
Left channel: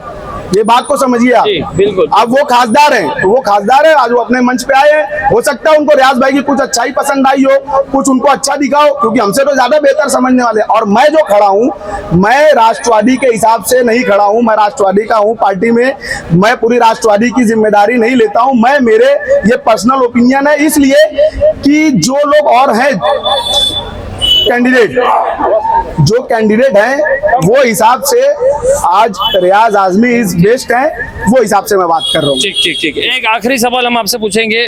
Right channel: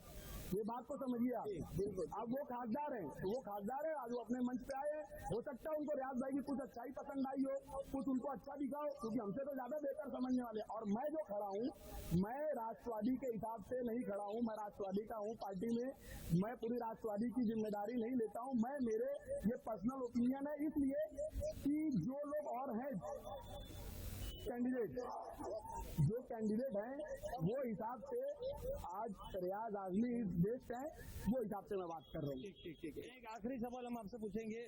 ये बात को समझिए आप। बिल्कुल। अब वो खासदार हैं, तो वो खासदार है, आज वो अपने मंच पे आए हैं। हो सकता है उनको रियाज भाई की कुछ अच्छा ही पसंद आई हो, कुछ उनको अच्छा दिखा हो, क्योंकि हमसे तो ज्यादा बेहतर समझने वाले। और मैं जो खड़ा हूँ, मैं राष्ट्रवादी के हिसाब से नहीं खड़ा हूँ, मैं राष्ट्रवादी का हूँ पार्टी में, मैं पूरी राष्ट्रवादी की जिम्मेदारी नहीं लेता हूँ। मैं मेरे ये पर्सनल ओपिनियन है, इसलिए कि जो लोग और हैं कैंडिडेट, जो कैंडिडेट हैं वो हिसाब से आज रियाज आजमी इज बेस्ट है, वो हिसाब से मैं बात कर रहा हूँ। ठीक। एक आखिरी सवाल हम आपसे पूछेंगे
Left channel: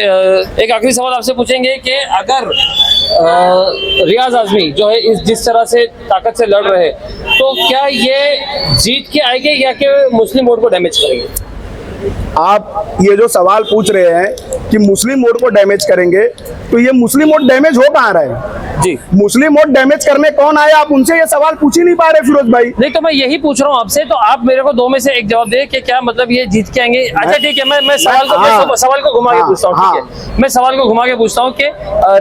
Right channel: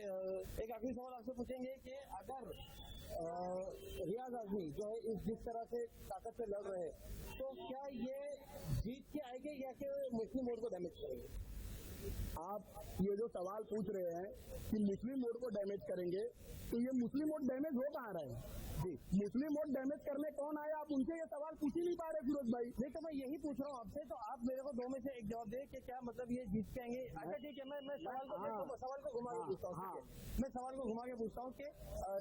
कि अगर रियाज आजमी जो है जिस तरह से ताकत से लड़ रहे हैं, तो क्या ये जीत के आएंगे या कि मुस्लिम वोट को डैमेज करेंगे? आप ये जो सवाल पूछ रहे हैं कि मुस्लिम वोट को डैमेज करेंगे, तो ये मुस्लिम वोट डैमेज हो कहाँ रहा है जी? मुस्लिम वोट डैमेज करने कौन आया? आप उनसे ये सवाल पूछ ही नहीं पा रहे फिरोज भाई। नहीं, तो मैं यही पूछ रहा हूँ आपसे, तो आप मेरे को 2 में से एक जवाब दे कि क्या मतलब ये जीत के आएंगे? अच्छा ठीक है, मैं सवाल को घुमा के पूछता हूँ। ठीक है, मैं सवाल को घुमा के पूछता हूँ कि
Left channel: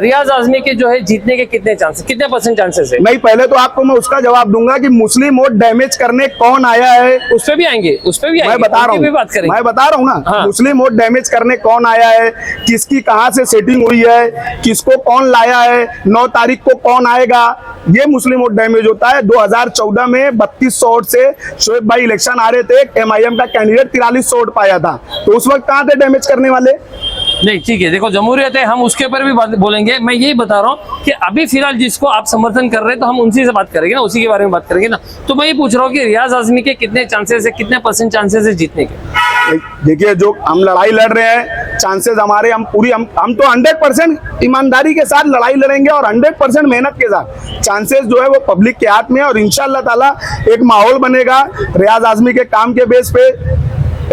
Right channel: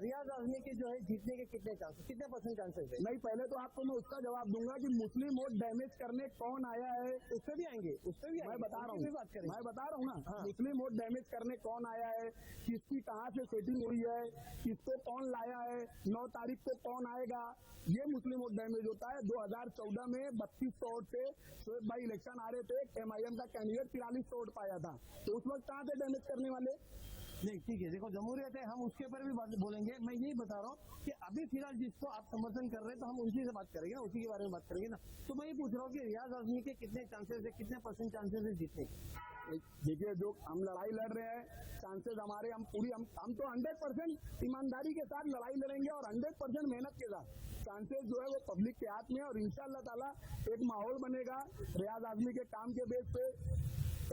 रियाज आजमी के जो है जीतने के कितने % चांसेस है? नहीं, पहले तो आपको मैं उसका जवाब दूंगा कि मुस्लिम वोट डैमेज करने कौन आया है। उस पर भी आएंगे, मैं बता रहा हूँ ना। मुस्लिम वोट डैमेज करने कौन आया है, किसकी कहां से सेटिंग हुई है, किसको कौन लाया है, 9 तारीख को कौन आएगा, ये मुस्लिम वोट डैमेज होता है। 2014 में 3200 वोट से शोएब भाई इलेक्शन आ रहे थे, MIM का कैंडिडेट 4300 वोट पाया था, तो उस वक्त कहाँ थे डैमेज करने वाले? नहीं ठीक है, देखो जमहूरियत है, हम उसके ऊपर भी बात बोलेंगे। मैं यही बता रहा हूँ कि अभी फिलहाल जिसको आप समर्थन कर रहे हैं तो हम उनसे से बात करेंगे ना, उसी के बारे में बात करेंगे ना। तो मैं ये पूछ रहा हूँ कि रियाज आजमी के कितने चांसेस है, कितने % चांसेस है जीतने के? देखिए, जो हम लड़ाई लड़ रहे हैं, चांसेस हमारे, हम तो 100% ईमानदारी के साथ लड़ाई लड़ेंगे और 100% मेहनत के साथ। चांसेस जो है वो पब्लिक के हाथ में है और इंशाअल्लाह ताला एक माहौल बनेगा, रियाज आजमी के काम के बेस पे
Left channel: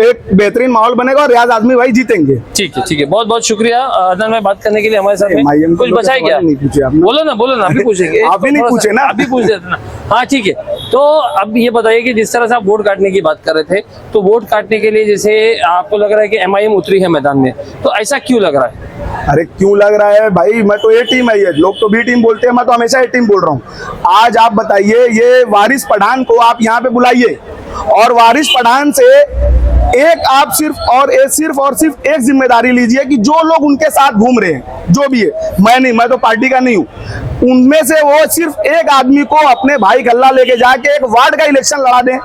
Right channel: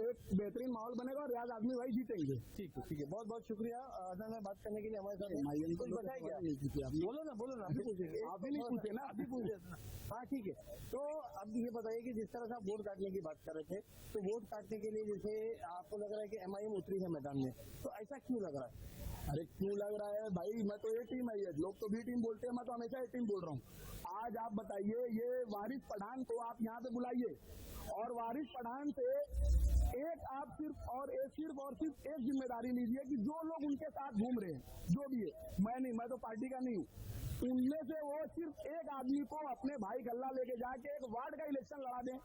एक बेहतरीन माहौल बनेगा और रियाज आजमी भाई जीतेंगे। ठीक है, बहुत बहुत शुक्रिया अदनान भाई बात करने के लिए हमारे साथ में। MIM कुछ बचा है क्या? नहीं पूछे आपने। बोलो ना, अभी पूछेंगे। आप ही नहीं पूछे ना, अभी पूछ देते ना। हाँ ठीक है, तो अब ये बताइए कि जिस तरह से आप वोट काटने की बात कर रहे थे, तो वोट काटने के लिए जैसे आपको लग रहा है कि MIM उतरी है मैदान में, तो ऐसा क्यों लग रहा है? अरे क्यों लग रहा है भाई, मैं तो ए टीम है, ये लोग तो बी टीम बोलते हैं, मैं तो हमेशा ए टीम बोल रहा हूँ। आज आप बताइए, ये वारिस पठान को आप यहाँ पे बुलाइए और वारिस पठान से एक आप सिर्फ और सिर्फ एक जिम्मेदारी लीजिए कि जो लोग उनके साथ घूम रहे हैं, जो भी है, मैं तो पार्टी का नहीं हूँ, उनमें से वो सिर्फ एक आदमी को अपने भाई गल्ला लेके जाके एक वार्ड का इलेक्शन लड़ा दें।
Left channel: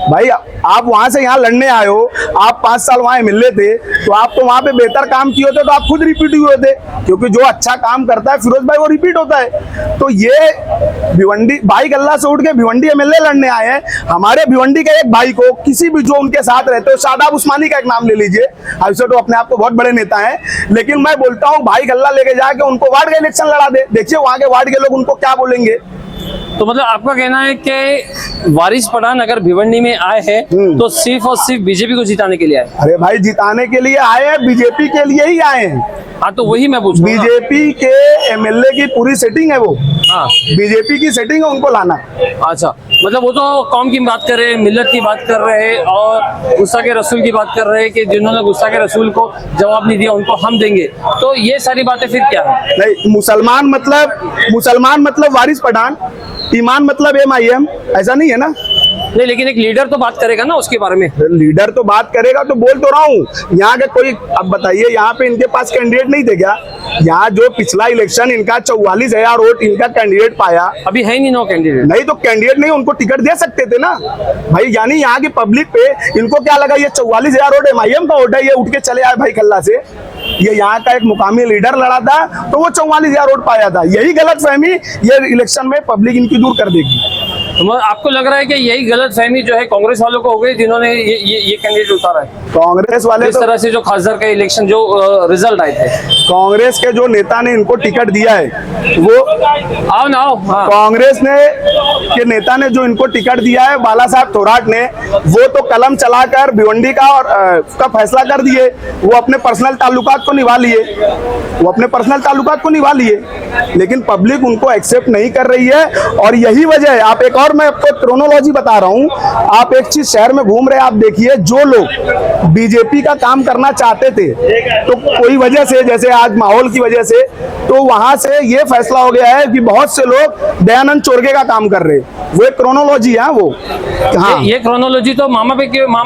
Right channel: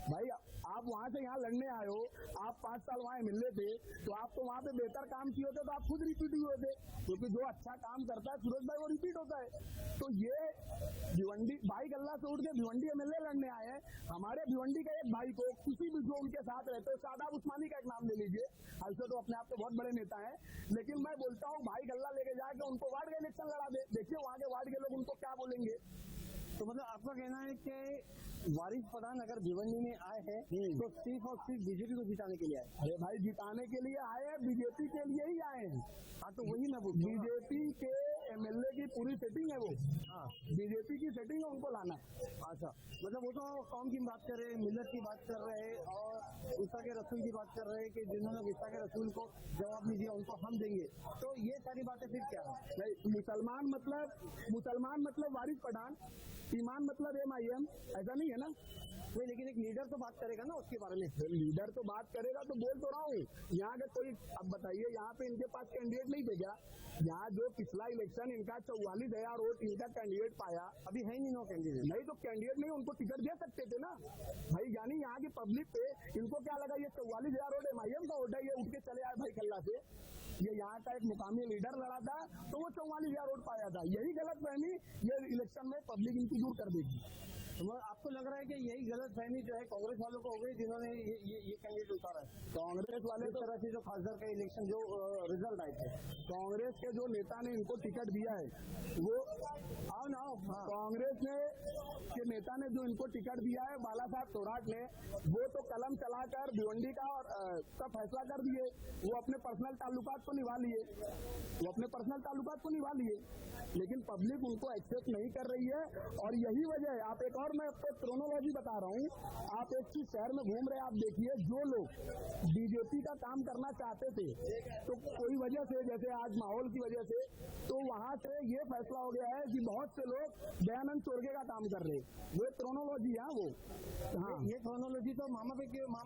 भाई आप वहां से यहाँ लड़ने आए हो, आप 5 साल वहां मिले थे, तो आप तो वहां पे बेहतर काम किए होते तो आप खुद रिपीट हुए थे, क्योंकि जो अच्छा काम करता है फिरोज भाई वो रिपीट होता है। तो ये भिवंडी भाई गल्ला से उठ के भिवंडी MLA लड़ने आए हैं। हमारे भिवंडी के एक भाई को, किसी भी जो उनके साथ रहते हो, शादाब उस्मानी का एक नाम ले लीजिए, ऐसे तो अपने आप को बहुत बड़े नेता हैं, लेकिन मैं बोलता हूँ भाई गल्ला लेके जाके उनको वार्ड का इलेक्शन लड़ा दे, देखिए वहां के वार्ड के लोग उनको क्या बोलेंगे। तो मतलब आपका कहना है कि वारिस पठान अगर भिवंडी में आए हैं तो सिर्फ और सिर्फ बीजेपी को जिताने के लिए आए? अरे भाई जिताने के लिए आए हैं, बीजेपी के लिए ही आए हैं। हाँ तो वही मैं पूछ रहा हूँ। बीजेपी के MLA की पूरी सेटिंग है वो, हाँ बीजेपी की सेटिंग है, उनको लाना। अच्छा, मतलब वो तो कौम की बात कर रहे हैं, मिल्लत की बात कर रहे हैं और गुस्सा के रसूल की बात कर रहे हैं कि जिन्होंने गुस्सा के रसूल को जवाब नहीं दिया उनको हम देंगे, तो ये सारी बातें फिर क्या है? नहीं, मुसलमान मतलब वारिस पठान, ईमान मतलब MIM, ऐसा नहीं है ना? नहीं, लेकिन एक लीडर तो बात करेगा ना उसके बारे में। लीडर तो बात करेगा, तो बोल तो रहा हूँ। यहाँ के कोई, अब बताइए, यहाँ पे इनके पास कैंडिडेट नहीं थे क्या? यहाँ जो पिछला इलेक्शन इनका 44,000 वोट इनका कैंडिडेट पाया, अभी है नहीं 9 कैंडिडेट। नहीं तो कैंडिडेट नहीं, उनको टिकट दे सकते थे ना भाई। यानी यहाँ की पब्लिक पे इनको क्या लगा, ये 44,000 वोट MIM का वोट है, ये उठ के चले आए भाई कल्ला से, ये यहाँ का एक मुकामी लीडर लड़ा था तो वो 44,000 वोट पाया था। यही गलत फहमी ये इलेक्शन में पब्लिक इनकी दूर कर देगी। तो आपको लग रहा है कि यही गलत फहमी जो है कांग्रेस वालों को हो गई जिन्होंने ये कैंडिडेट उतारा है? कांग्रेस वाले इस तरह से जो खासदार का इलेक्शन जो रिजल्ट आए थे, कांग्रेस के जो नेता ने इनको टिकट दिया है वो आओ हाँ। कांग्रेस ने के नेता ने जो इनको टिकट दिया है, बाला साहब थोराट ने, वो तो कलम चलाकर भिवंडी का और का फैसला कर दिए। वो अपने पर्सनल ताल्लुकात को निभा लिए, लेकिन पब्लिक उनको एक्सेप्ट नहीं कर रही है। और यही वजह है, आप एक और मैं आपको क्रोनोलॉजी बता रहा हूँ, आप एक चीज शहर में घूम रहे हैं, आप देखिए जो लोग बीजेपी का काम करना चाहते थे, तो कोई वजह से, जैसे आज माहौल की वजह से, तो वहां से ये फैसला हो गया है कि बहुत से लोग दयानंद चोरगे का काम कर रहे हैं। वो एक क्रोनोलॉजी है वो। हाँ, ये क्रोनोलॉजी तो मामा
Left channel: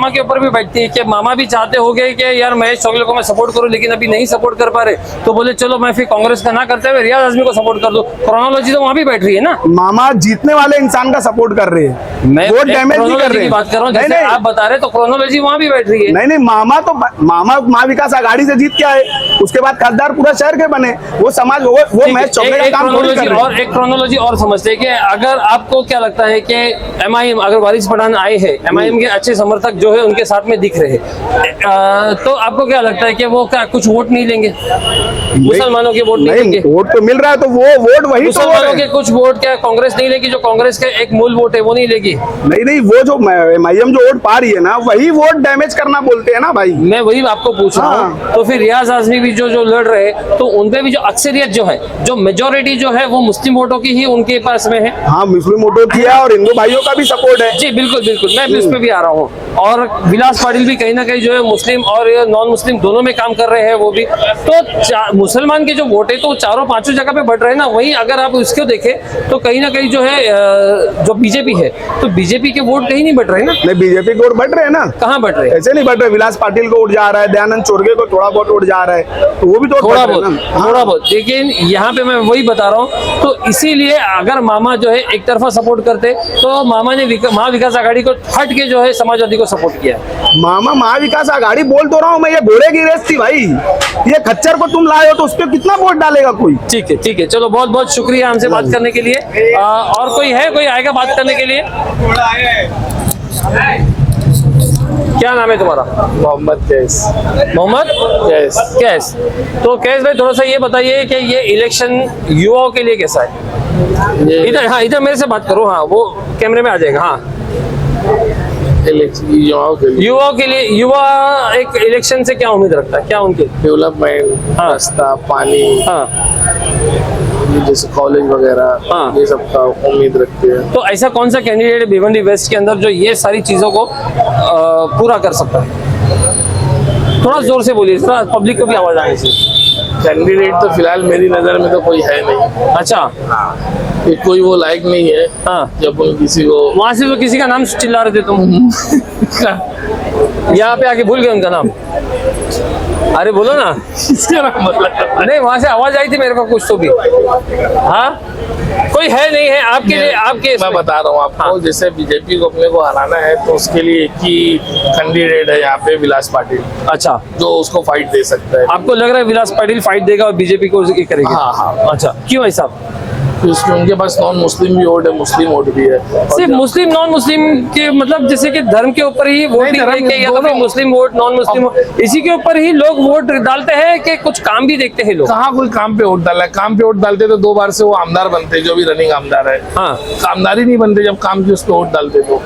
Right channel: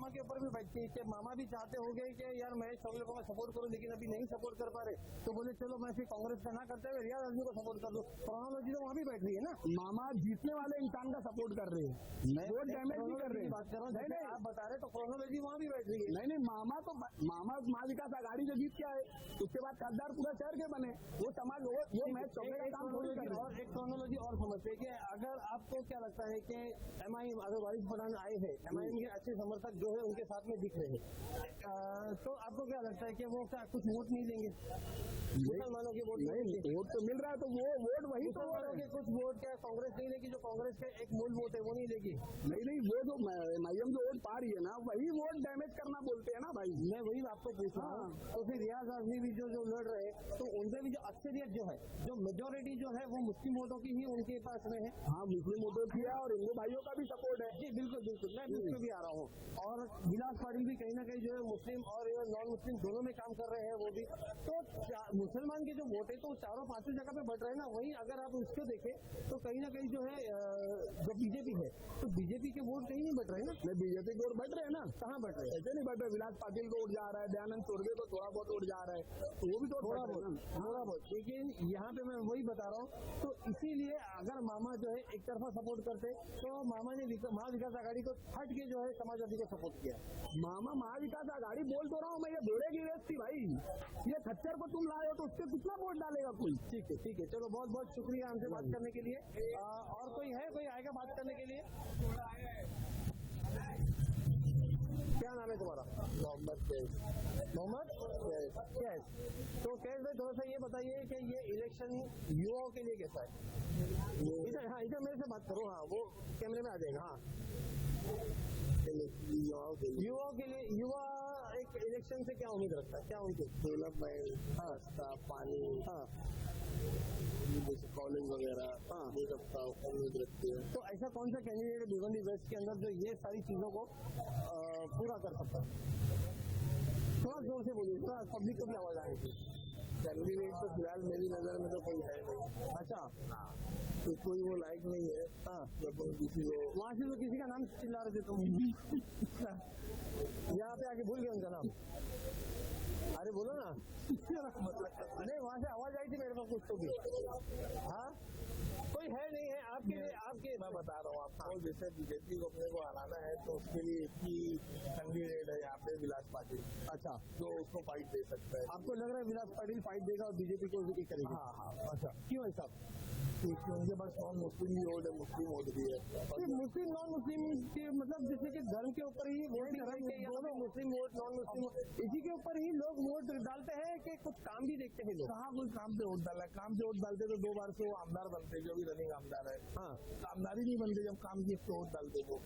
के ऊपर भी बैठती है कि मामा भी चाहते हो गए कि यार महेश चौगले को मैं सपोर्ट करूं, लेकिन अभी नहीं सपोर्ट कर पा रहे, तो बोले चलो मैं फिर कांग्रेस का ना करते हुए रियाज आजमी को सपोर्ट कर दो। क्रोनोलॉजी तो वहां भी बैठ रही है ना। मामा जीतने वाले इंसान का सपोर्ट कर रहे हैं, मैं वोट डैमेज नहीं कर रहे हैं। बात कर रहा हूँ, जैसे आप बता रहे तो क्रोनोलॉजी वहां भी बैठ रही है। नहीं, मामा महाविकास आघाड़ी से जीत के आए, उसके बाद खासदार पूरा शहर के बने, वो समाज वो महेश चौगले का काम थोड़ी कर रहे हैं। और एक क्रोनोलॉजी और समझते हैं कि अगर आपको क्या लगता है कि MIM अगर वारिस पठान आए हैं, MIM के अच्छे समर्थक जो है उनके साथ में दिख रहे हैं, तो आपको क्या लगता है कि वो क्या कुछ वोट नहीं लेंगे, मुसलमानों के वोट नहीं लेंगे? वोट तो मिल रहा है, तो वो वोट वही मुसलमानों के कुछ वोट क्या कांग्रेस नहीं लेगी, जो कांग्रेस का एक मूल वोट है वो नहीं लेगी? नहीं, वो जो MIM जो वोट पा रही है ना, वही वोट डैमेज करना बोलते हैं ना भाई। मैं वही आपको पूछ रहा हूँ। तो फिर रियाज आजमी भी जो लड़ रहे हैं, तो उनपे भी जो अक्सरियत जो है, जो मेजोरिटी जो है, वो मुस्लिम वोटों की ही उनके पास में है। हाँ, मुस्लिम वोटों की है और हिंदू भाइयों का भी सपोर्ट है। जी बिल्कुल, मैं भी उस पर भी आ रहा हूँ। और विलास पाटिल भी कहीं ना कहीं जो है मुस्लिम और नॉन मुस्लिम दोनों में काम कर रहे हैं वो भी। तो मुसलमान के जो वोट है तो चारों पांचों जगह पे बढ़ रहे हैं ना। वहीं अगर आप इसको देखें तो कहीं ना कहीं जो है जो वो बीजेपी है, तो बीजेपी के वोट कहीं नहीं बट रहे ना। नहीं, बीजेपी को वोट बढ़ रहे हैं ना, कहाँ बट रहे? ऐसे नहीं बढ़ रहे। विलास पाटिल को उठ जा रहा है, दयानंद चोरगे को थोड़ा बहुत उठ जा रहा है, तो वो भी तो थोड़ा बढ़ रहे हैं बहुत, ना। थोड़ा बहुत। लेकिन यहाँ पे मैं वही बता रहा हूँ, तो इसीलिए अगर मामा जो है एक तरफा सपोर्ट करते तो मामा ने महाविकास आघाड़ी को हट के जो है समाजवादी को सपोर्ट किया। मामा महाविकास आघाड़ी बोल तो रहा हूँ मैं, ये घोड़े की रेस थी भाई। ये खच्चर को तुम लाए हो तो उस पर कितना वोट डालेगा कोई। ठीक है, ठीक है, चलो बहुत बहुत शुक्रिया हमसे बात करने के लिए। और कोई आएगा बात करने के लिए? क्या नाम है तुम्हारा? मोहम्मद कैस। मोहम्मद कैस। कैस। तो कैस भाई थोड़ा सा ये बताइए कि ये इलेक्शन युवाओं के लिए कैसा है? इधर, हाँ इधर मेरे से बात करो, हाँ वो कैमरे में आ जाएगा। हाँ, युवाओं के लिए युवा एक इलेक्शन से क्या उम्मीद रखता है? क्या उनके डेवलपमेंट, हाँ। रास्ता, पानी, हाँ, जैसे कॉलेज वगैरह, हाँ। ये सब का उम्मीद रखते हैं। तो ऐसा कौन सा कैंडिडेट है भिवंडी वेस्ट के अंदर जो ये सारी चीजों को पूरा कर सकता है? थोड़ा जोर से बोलिए, थोड़ा पब्लिक को भी आवाज आनी चाहिए। कैंडिडेट तो फिलहाल मेरी नजर में तो कोई है नहीं। अच्छा, कि कोई वो लायक नहीं है। हाँ, जब उन किसी को वहां से तो किसी का नाम चिल्ला रहे थे तुम। यहाँ पे आके भूल गए उनका नाम। अरे बोलो ना। इसका नाम मतलब नहीं, वहां से आवाज आई थी मेरे को कुछ तो भी। हाँ, कोई है नहीं है आपके लिए? आपके मैं बता रहा हूँ आपको, हाँ। जैसे बीजेपी को अपने को हराना है तो उसके लिए एक ही कैंडिडेट है यहाँ पे, विलास पाटिल, अच्छा, जो उसको फाइट दे सकता है। आपको लग रहा है विलास पाटिल फाइट देगा और बीजेपी को ये करेगी? हाँ, हाँ। अच्छा, क्यों ऐसा? क्योंकि उनके पास नॉन मुस्लिम भी वोट है, मुस्लिम वोट भी है। सिर्फ मुस्लिम नॉन मुस्लिम के मतलब जैसे कि धर्म के ऊपर ही वोटिंग धर्म है कि या तो फिर दोनों। मुस्लिम वोट नॉन मुस्लिम वोट इसी के ऊपर ही लोग वोट डालते हैं कि कुछ काम भी देखते हैं लोग? कहाँ कोई काम पे वोट डाला है? काम पे वोट डालते तो 2 बार से वो आमदार बनते, जो भी रनिंग आमदार है। हाँ, आमदार ही नहीं बनते जब काम की उस पे वोट डालते तो।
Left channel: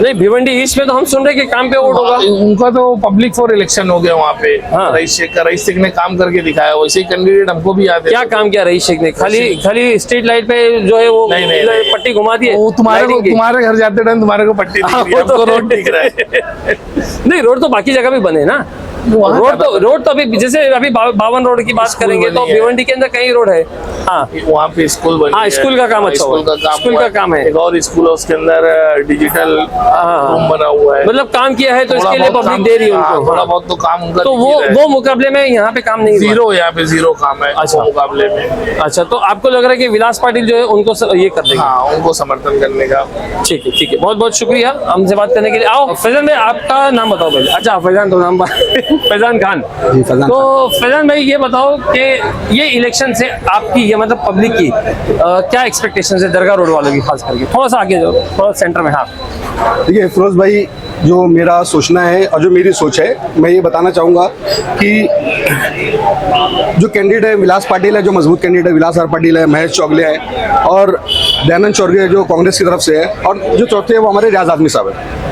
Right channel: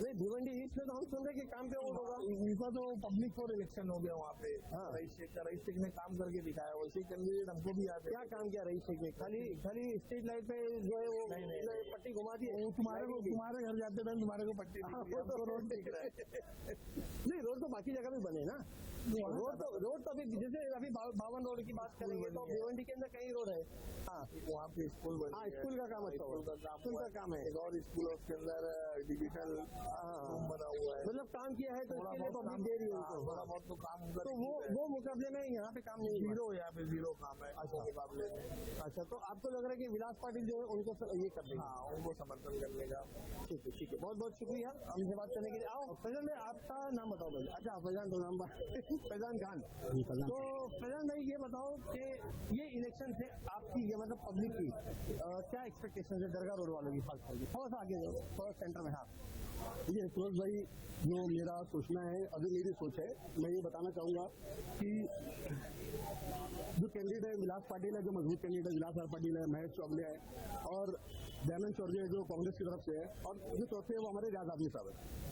नहीं भिवंडी ईस्ट में तो हम सुन रहे कि काम पे वोट होगा। उनका तो पब्लिक फॉर इलेक्शन हो गया वहाँ पे। हाँ। रईस शेख ने काम करके दिखाया, वैसे ही कैंडिडेट हमको भी याद है। क्या काम किया रईस शेख ने? खाली स्ट्रीट लाइट पे जो है वो नहीं। पट्टी घुमा दी है। वो लाइटिंग की। तुम्हारे घर जाते टाइम तुम्हारे को पट्टी दिख रही है, वो तो हमको है। रोड दिख रहा है। नहीं, रोड तो बाकी जगह भी बने ना। रोड तो अभी जैसे अभी 52 रोड की बात करेंगे तो बनी है। भिवंडी के अंदर कई रोड है। हाँ, वहाँ पे स्कूल बनी हाँ, है। स्कूल का काम अच्छा हुआ है। स्कूल हुआ का काम है। एक और स्कूल है, उसके अंदर डिजिटल रूम बना हुआ है। मतलब काम किया है तो थोड़ा इसके लिए बहुत पब्लिक काम- दे रही है हाँ, उनको। थोड़ा बहुत तो काम उनका तो दिख ही रहा है। वो मुकाबले में यहाँ पे काम नहीं हुआ। जीरो, यहाँ पे जीरो काम है। अच्छा। वो मुकाबले में। अच्छा, तो आपको लग रहा है कि विलास पाटिल जो है उनको ये कर देंगे? हाँ, उनको समर्थन करने का। ठीक है, ठीक है, बहुत बहुत शुक्रिया हमसे बात करने के लिए। आओ फैजान भाई, आपका नाम बताओ पहले। अच्छा, फैजान तो नाम फैजान खान। तो फैजान भाई ये बताओ कि ये इलेक्शन से आपकी ये मतलब पब्लिक की क्या एक्सपेक्टेशन है दरगाह रोड वालों की, खास करके? थोड़ा सा आगे जाओ, थोड़ा सेंटर में। हाँ, देखिए फिरोज भाई, जो मेरा सोचना है और जो मेरी सोच है, मैं ये बताना चाहूँगा कि जो कैंडिडेट है विलास पाटिल है, जो मजबूत कैंडिडेट है विलास आर पाटिल है, महेश चौगले है और दयानंद चौरगे जो कांग्रेस की तरफ से है, और जो चौथे है वो हमारे रियाज आदमी साहब है।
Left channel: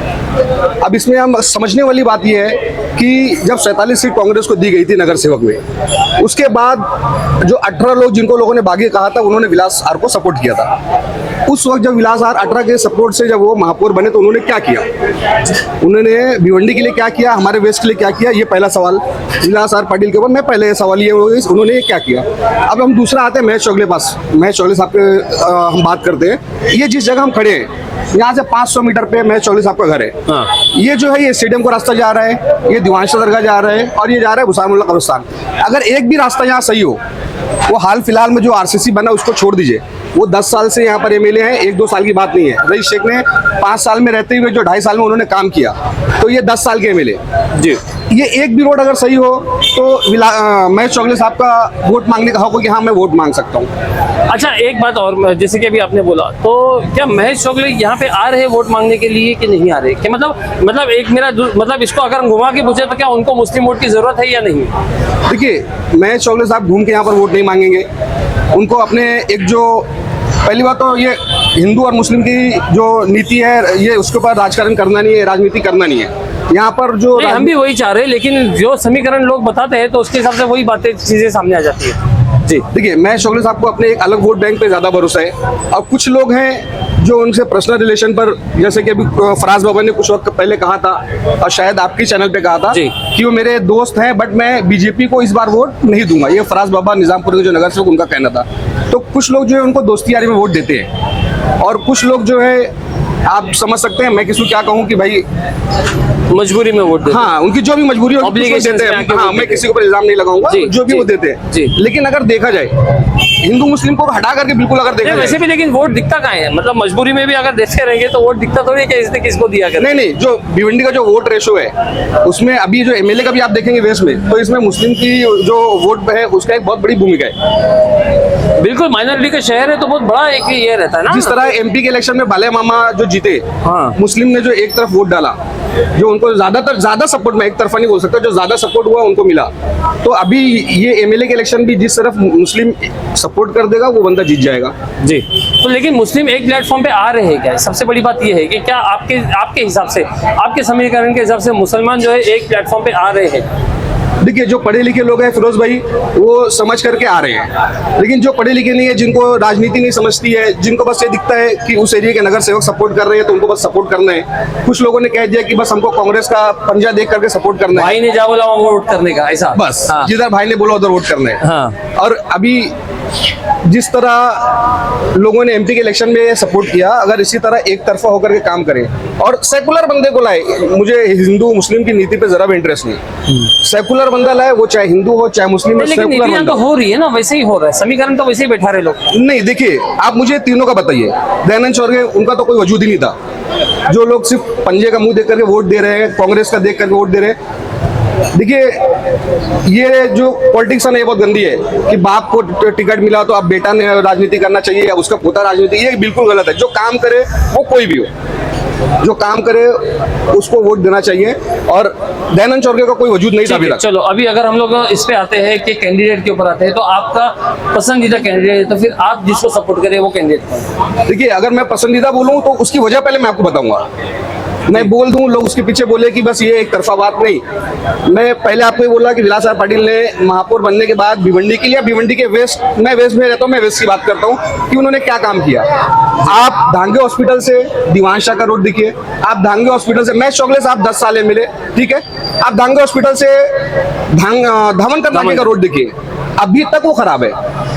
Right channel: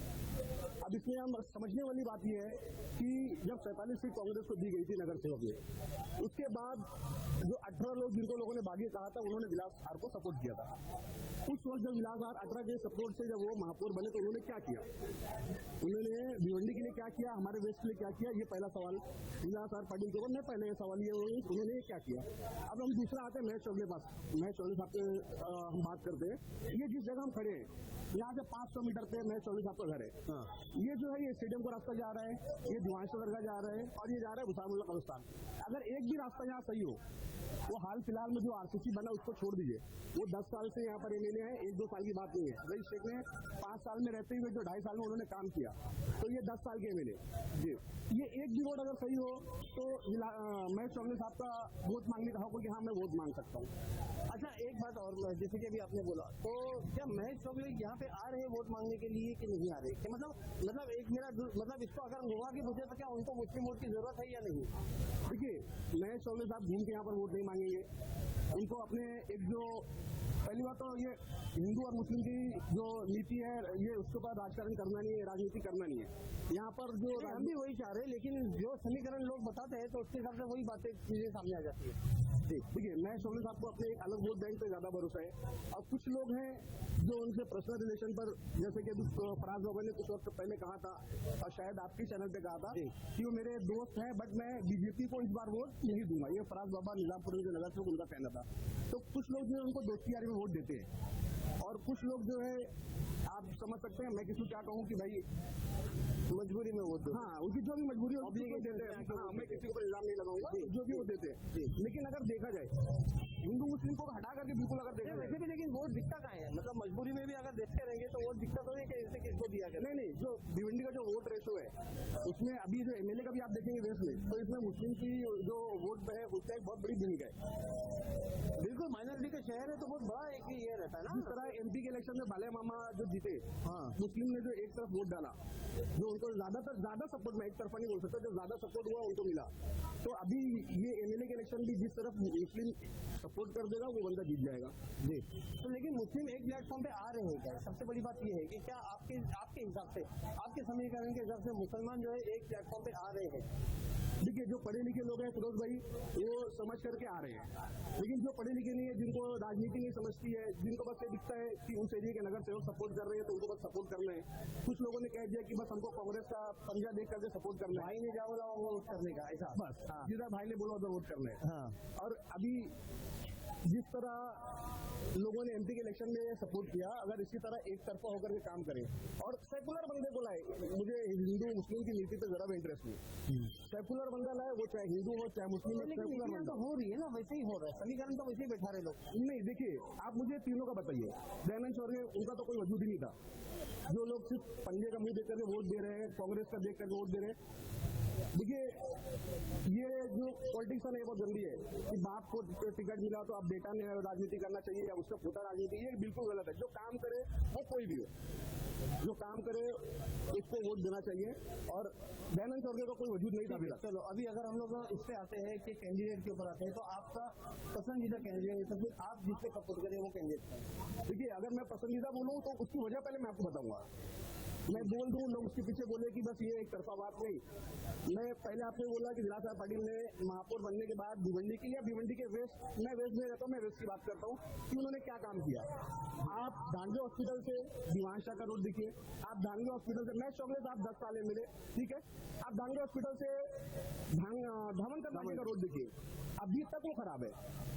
अब इसमें हम समझने वाली बात यह है कि जब 47 सीट कांग्रेस को दी गई थी नगर सेवक में, उसके बाद जो 18 लोग जिनको लोगों ने बागी कहा था, उन्होंने विलास आर को सपोर्ट किया था। उस वक्त जब विलास आर 18 के सपोर्ट से जब वो महापौर बने तो उन्होंने क्या किया, उन्होंने भिवंडी के लिए क्या किया, हमारे वेस्ट के लिए क्या किया, ये पहला सवाल विलास आर पाटिल के ऊपर। मैं पहले सवाल ये उन्होंने क्या किया। अब हम दूसरा आते हैं महेश चौगले पास। महेश चौगले साहब के हम बात करते हैं। ये जिस जगह हम खड़े हैं यहाँ से 500 मीटर पे महेश चौगले साहब का घर है। हाँ। ये जो है ये स्टेडियम को रास्ता जा रहा है, ये दीवानशाह दरगाह जा रहा है और ये जा रहा है भुसामुल्ला कब्रिस्तान। अगर एक भी रास्ता यहाँ सही हो, वो हाल फिलहाल में जो आरसीसी बना उसको छोड़ दीजिए, वो 10 साल से यहाँ पर एमएलए हैं, 1-2 साल की बात नहीं है। रईस शेख ने 5 साल में रहते हुए जो 2.5 साल में उन्होंने काम किया, तो ये 10 साल के एमएलए जी। ये एक भी रोड अगर सही हो तो महेश चौगले साहब का वोट मांगने का हक हो कि हाँ मैं वोट मांग सकता हूँ। अच्छा, एक बात और, जैसे कि अभी आपने बोला, तो क्या महेश चौगले यहाँ पे आ रहे हैं वोट मांगने के लिए कि नहीं आ रहे? कि मतलब एक मेरा मतलब इसको अगर हम घुमा के पूछे तो क्या उनको मुस्लिम वोट की जरूरत है या नहीं? देखिए, महेश चौगले साहब घूम के यहाँ पर वोट नहीं मांगेंगे। उनको अपने एक जो पहली बात तो ये हिंदू और मुस्लिम की जो नीति है, ये उसके ऊपर राजकारण करना नहीं है, राजनीति करना नहीं है यहाँ पर। जो हम भी वही चाह रहे हैं, लेकिन जो समीकरण लोग बताते हैं तो उसके हिसाब से वही बातें चीजें सामने आ जाती है जी। देखिए, महेश चौगले साहब को अपने एक अलग वोट बैंक पे ज्यादा भरोसा है, और कुछ लोग हैं जो उनसे पर्सनल रिलेशन पर, जैसे कि अभी फराज बाबा ने कुछ वक्त पहले कहा था और शायद आपके चैनल पे कहा था कि वो मेरे दोस्त हैं बट मैं बीजेपी को इस बार वोट नहीं दूंगा। ये फराज बाबा निजामपुर के जो नगर सेवक, उनका कहना था। तो कुछ लोग जो है उनको दोस्ती यारी में वोट देते हैं। और कुछ लोग जो है आप समझ सकते हैं, मैं किसी को क्या कहूँ कि भाई मजबूरी में वोट देते हाँ उनकी जो भी मजबूरी होगी उसको Obligations देते में हैं। आके हाँ वोट मैं देते किसी के ऊपर इल्जाम नहीं लगाऊंगा, जी, जो भी जी, वो देते हैं जी। लेकिन अगर देखा जाए हिंदू मुस्लिम को हटा करके बिल्कुल अगर देखा हैं। वैसे जाए, भी लेकिन वोट दिखता कहाँ है, मतलब मजबूरी में भी अगर देखते रहेंगे तो वोट दिखता थोड़ी है कि इसने किसको दिया कर। नहीं नहीं, जो भिवंडी का जो वोट रेशो है उसमें अभी जो एमएलए का भी आप देखेंगे वेस्ट में, तो इसमें मुस्लिम की जो वोट है उसका एक बहुत बड़ी भूमिका है। बिल्कुल माइनॉरिटी का शहर है तो बहुत बड़ा एक ये रहता है ना। जिस तरह एमपी के इलेक्शन में बाल्या मामा जो जीते, हाँ। मुस्लिम ने जो एक तरफ वोट डाला, जो उनको ज्यादा सपोर्ट, मैं एक तरफा नहीं बोल सकता, जो ज्यादा सपोर्ट हुआ उनको मिला। तो अभी ये एमएलए के इलेक्शन भी जिस तरफ मुस्लिम सपोर्ट कर देगा वो बंदा जीत जाएगा। जी, तो लेकिन मुस्लिम एक प्लेटफॉर्म पे आ रहे हैं क्या? सबसे बड़ी बात ये है कि क्या आपके हिसाब से, आपके समीकरण के हिसाब से मुसलमान जो है एक प्लेटफॉर्म पे आ रहे हैं? देखिए जो पढ़े लिखे लोग हैं फिरोज भाई, वो समझ करके आ रहे हैं, लेकिन जो पढ़े लिखे नहीं है, जिनको राजनीति नहीं समझती है, जिनको बस ये दिखता है कि उस एरिया के नगर सेवक सपोर्ट कर रहे हैं तो उनको बस सपोर्ट करना है। कुछ लोगों ने कह दिया कि बस हमको कांग्रेस का पंजा देख करके सपोर्ट करना है, भाई ने जा बोला वहाँ वोट करने का, ऐसा बस हाँ। जिधर भाई ने बोला उधर वोट करना है। हाँ। और अभी जिस तरह लोगों ने एमपी के इलेक्शन में सपोर्ट किया, अगर इसी तरह एक तरफा होकर के काम करें और सेकुलर बंदे को लाए, मुझे हिंदू मुस्लिम की नीति पे जरा भी इंटरेस्ट नहीं, सेकुलर बंदा लाए, वो चाहे हिंदू हो चाहे मुस्लिम हो, लेकिन सेकुलर नीतियां बंदा तो हो रही है ना, वैसे ही हो रहा है, समीकरण तो वैसे ही बैठा रहे लोग। नहीं। देखिए आप मुझे तीनों का बताइए, दयानंद चौरगे उनका तो कोई वजूद ही नहीं था, जो लोग सिर्फ पंजे का मुंह देख करके वोट दे रहे हैं, कांग्रेस का देख करके वोट दे रहे हैं। देखिए ये जो पॉलिटिक्स है ना, ये बहुत गंदी है कि बाप को टिकट मिला तो अब बेटा ने राजनीति करना चाहिए या उसका पोता राजनीति, ये बिल्कुल गलत है। जो काम करे वो कोई भी हो, जो काम करे उसको वोट देना चाहिए, और दयानंद चौरगे का कोई वजूद नहीं था अभी तक। चलो अभी अगर हम लोग इस पे आते हैं कि कैंडिडेट के ऊपर आते हैं, तो आपका पसंदीदा कैंडिडेट है, तो फिर आप जिसको सपोर्ट करें वो कैंडिडेट कौन है? देखिए अगर मैं पसंदीदा बोलूं तो उसकी वजह पहले मैं आपको बताऊंगा। मैं बोल दूं लोग उसके पीछे बोले कि बस ये एक तरफा बात नहीं। मैं पहले आपको ये बोला कि विलास राय पाटिल ने महापौर बनने के बाद भिवंडी के लिए, भिवंडी के वेस्ट, मैं वेस्ट में रहता हूँ, मैं वेस्ट की बात करता हूँ कि उन्होंने क्या काम किया। आप धांगे हॉस्पिटल से दीवान शाह का रोड देखिए, आप धांगे हॉस्पिटल से मैं चौगले साहब 10 साल मिले, ठीक है, आप धांगे हॉस्पिटल से धामनकर नाके का रोड देखिए, अभी तक वो खराब है,